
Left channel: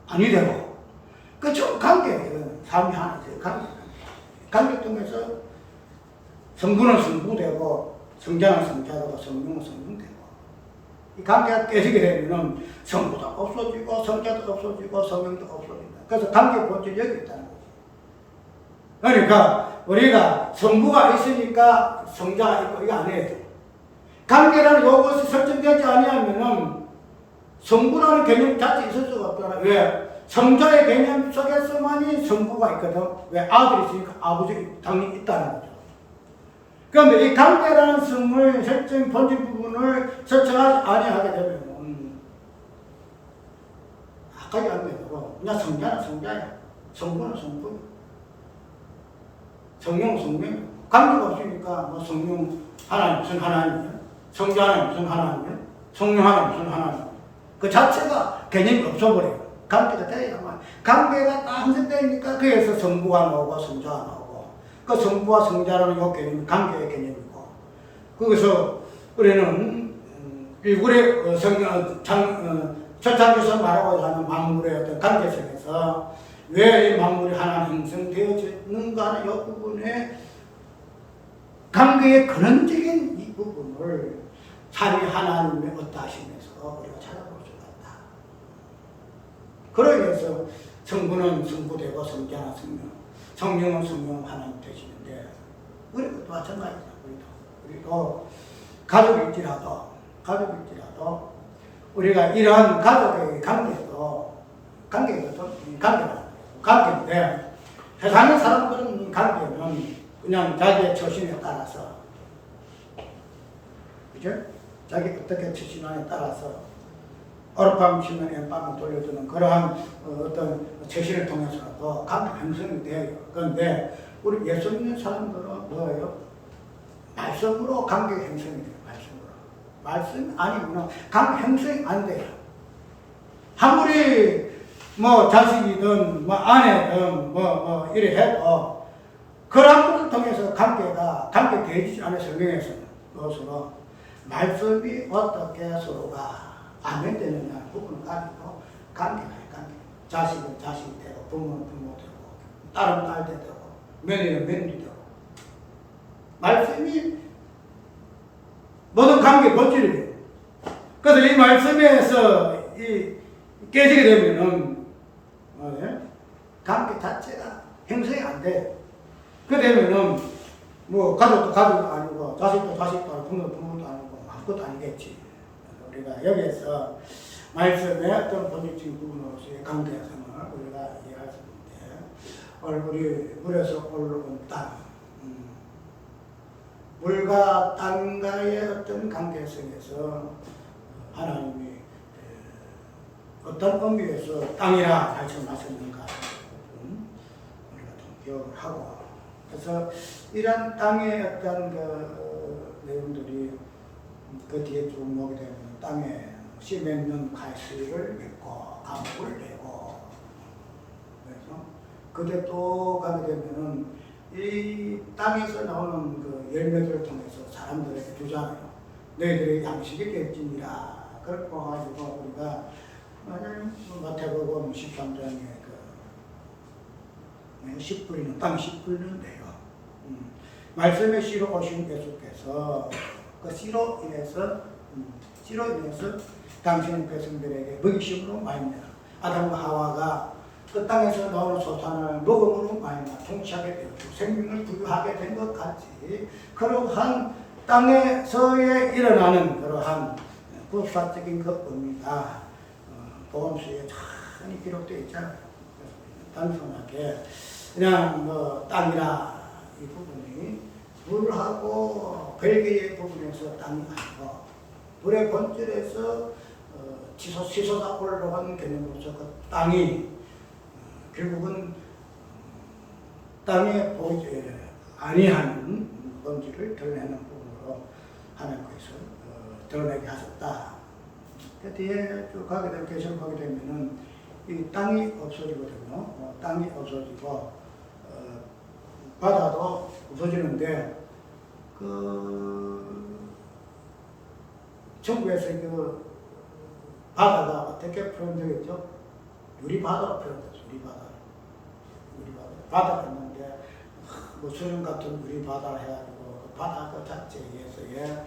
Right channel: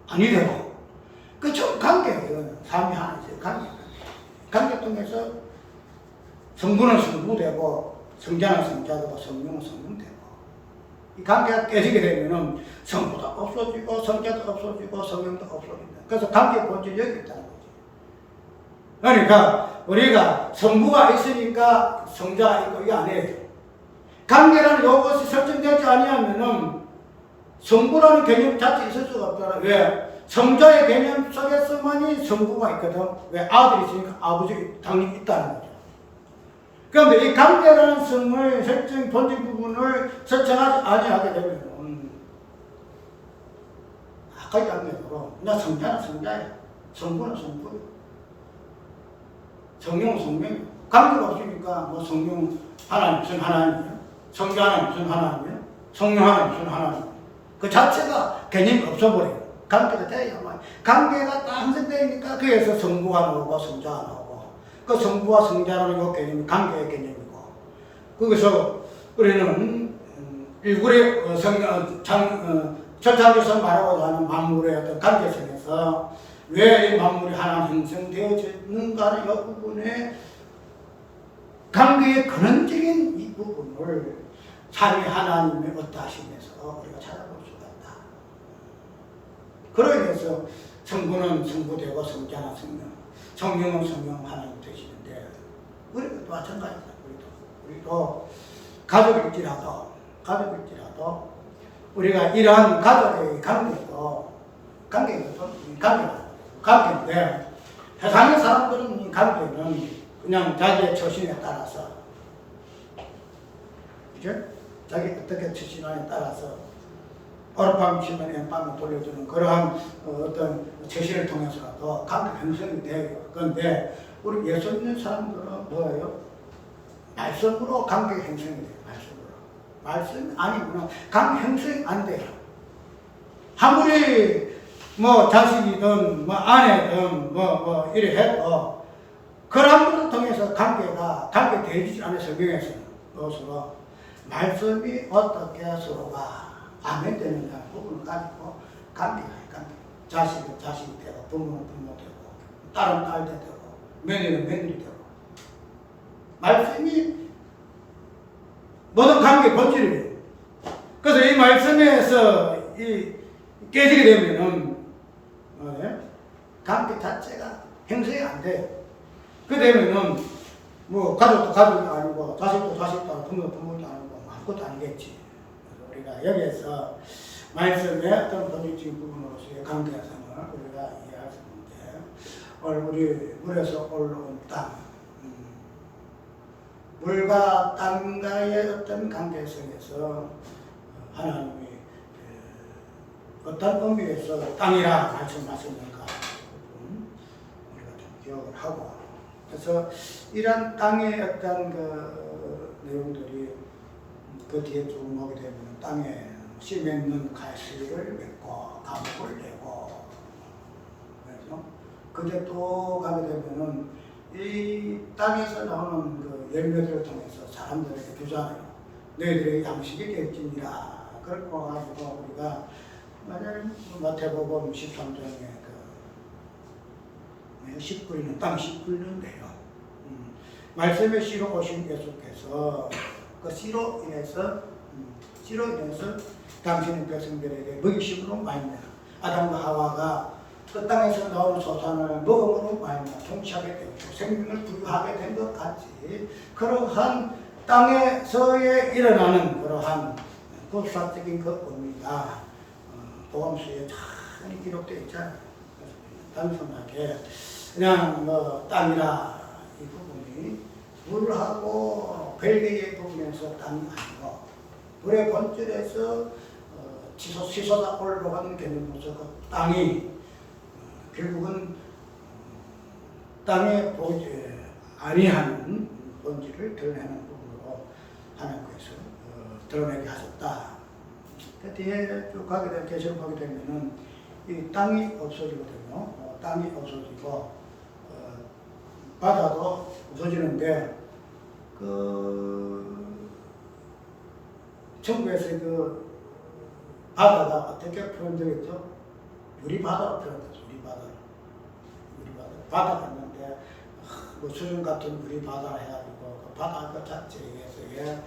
아니 되고, 그 전 관계예요. 삼위 하나에서 관계 통해서 성부는 성부되고, 성자는 성자되고, 성령은 성령되고, 이 관계가 깨지게 되면은 성부도 없어지고, 성자도 없어지고, 성령도 없어진다. 그래서 관계 본질이 여기 있다는 거지. 그러니까 우리가 성부가 있으니까 성자가 있고 이게 아니에요. 관계라는 요것이 설정되지 아니하면은 성부라는 개념 자체 있을 수가 없잖아. 왜? 성자의 개념 속에서만이 성부가 있거든. 왜? 아들이 있으니까 아버지 당연히 있다는 거죠. 그런데 이 관계라는 성의 설정 본질 부분을 설정하지 아니하게 되면 아까지 한 대로 그냥 성자는 성자야, 성부는 성부야, 성령은 성령이야. 관계가 없으니까 뭐 성령 하나님 무슨 하나님이야, 성자 하나님 무슨 하나님이야, 성령 하나님 무슨 하나님이야. 그 자체가 개념이 없어버려요. 관계가 돼야만. 관계가 딱 형성되니까 거기에서 성부가 나오고 성자가 나오고, 그 성부와 성자라는 이 개념이 관계의 개념이고, 거기서 우리는 우리 초창기에서 말하고자 하는 만물의 어떤 관계성에서 왜 이 만물이 하나 형성되어지는가 하는 이 부분에 관계의 근원적인 이 부분을 삼위 하나님의 어떠하심에서 우리가 찾아볼 수가 있다. 그러기 위해서 성부는 성부되고 성자는 성령, 성령은 성령 하나님 되시는데 우리도 마찬가지다. 우리도 가족일지라도 우리가 이러한 가족의 관계인데 세상의 사람들은 관계는 그냥 자기의 처신에 따라서, 그죠? 자기 어떻게 처신하냐에 따라서 어젯밤 치면 엠밤을 돌려주는 그러한 어떤 처신을 통해서도 관계 형성이 돼요. 그런데 우리 예수 믿는 사람들은 뭐예요? 말씀으로 관계 형성이 돼요. 말씀 아니면 관계 형성이 안 돼요. 아무리 뭐 자식이든 뭐 아내든 뭐 이래 해도 그런 것을 통해서 관계 되지 않은 성경에서는 그것으로 말씀이 어떻게 서로가 안면되느냐는 부분을 가지고 관계. 자식은 자식이 되고 부모는 부모 되고 딸은 딸 되고 며느리는 며느리 되고, 말씀이 모든 관계 본질이에요. 그래서 이 말씀에서 깨지게 되면은 관계 자체가 형성이 안 돼요. 그 되면은 뭐 가족도 가족이 아니고 자식도 자식도 아니고 부모도 부모도 아니고 아무것도 아니겠지. 그래서 우리가 여기에서 말씀의 어떤 본질적인 부분으로서의 관계성을 우리가 이해할 수 있는데, 오늘 우리 물에서 올라온 땅, 물과 땅과의 어떤 관계성에서 하나님이 어떤 의미에서 땅이라 말씀하셨는가 우리가 좀 기억을 하고, 그래서 이런 땅의 어떤 그 내용들이 그 뒤에 쭉 오게 되면 땅에 씨 맺는 가시를 맺고 감옥을 내고, 그래서 그때 또 가게 되면은 이 땅에서 나오는 그 열매들을 통해서 사람들에게 주잖아요. 너희들의 양식이 될지니라. 그렇게 가지고 우리가 마태복음 13장에 그 씨 뿌리는 땅, 씨 뿌리는 데요. 말씀의 씨로 오신 예수께서 그 씨로 인해서 당신의 백성들에게 먹이심으로 말미암아 아담과 하와가 그 땅에서 나오는 소산을 먹음으로 말미암아 통치하게 되었고 생명을 부유하게 된 것 같이 그러한 땅에서의 일어나는 그러한 국사적인 그 의미가 복음서에 잘 기록되어 있잖아요. 그래서 단순하게 그냥 뭐 땅이라 이 부분이 물하고 별개의 부분에서 땅이 아니고 물의 본질에서 치솟아 올라가는 개념으로서 그 땅이 결국은 땅의 아니한 본질을 드러내는 부분으로 하나님께서 드러내게 하셨다. 그 뒤에 쭉 가게 되면 계시록 하게 되면은 이 땅이 없어지거든요. 땅이 없어지고 바다도 없어지는데 그 천국에서 그 바다가 어떻게 표현되겠죠? 유리바다로 표현됐죠. 바다가 있는데 뭐 수중 같은 유리바다를 해가지고 그 바다 그 자체에서의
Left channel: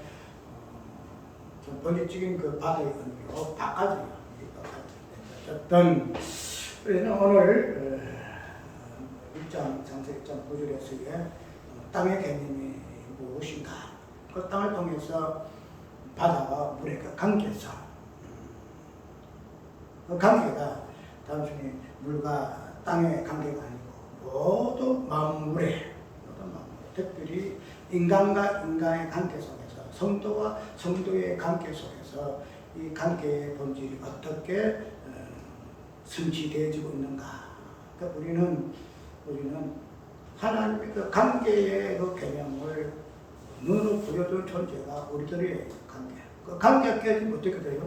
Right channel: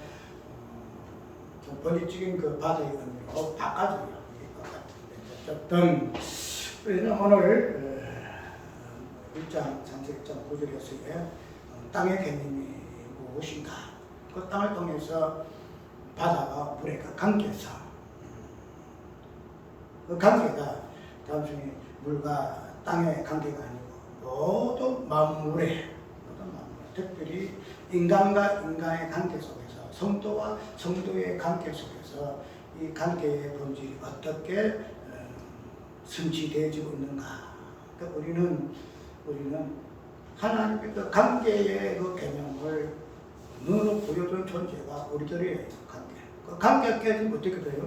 좀 본질적인 그 바다의 의미로 바꿔줘요. 어쨌든 우리는 오늘 1장 장세 1장 9절에서의 땅의 개념이 무엇인가? 그 땅을 통해서 바다와 물의 그 관계성, 그 관계가 단순히 물과 땅의 관계가 아니고 모든 만물의 특별히 인간과 인간의 관계 속에서 성도와 성도의 관계 속에서 이 관계의 본질이 어떻게 성취되어지고 있는가? 그러니까 우리는 하나님의 그 관계의 그 개념을 눈으로 보여준 존재가 우리들의 관계. 그 관계가 깨지면 어떻게 돼요?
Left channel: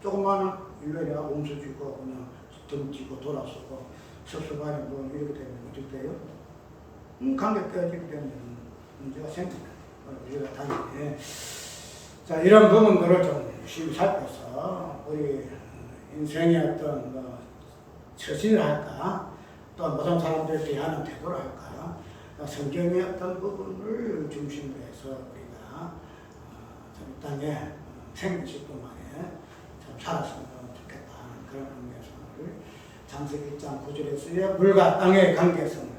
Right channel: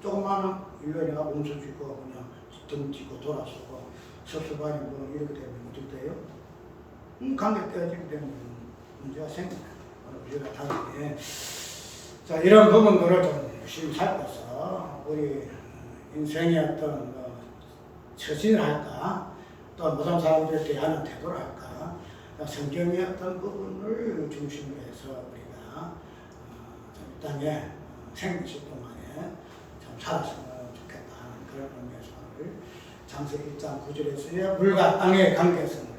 조그마한 일로에 내가 몸서주고 그냥 던지고 돌아서고 섭섭하니 뭐 이렇게 되면 어떻게 돼요? 관계가 깨지게 되면 문제가 생깁니다. 우리가 당연히 자 이런 부분들을 좀 열심히 살펴서 우리 인생의 어떤 뭐 처신을 할까 또 모든 사람들에 대하는 태도를 할까 성경의 어떤 부분을 중심으로 해서 우리가 이 땅에 생기실 동안에 좀 살았으면 좋겠다는 그런 의미에서 오늘 장세 1장 9절에서의 물과 땅의 관계성을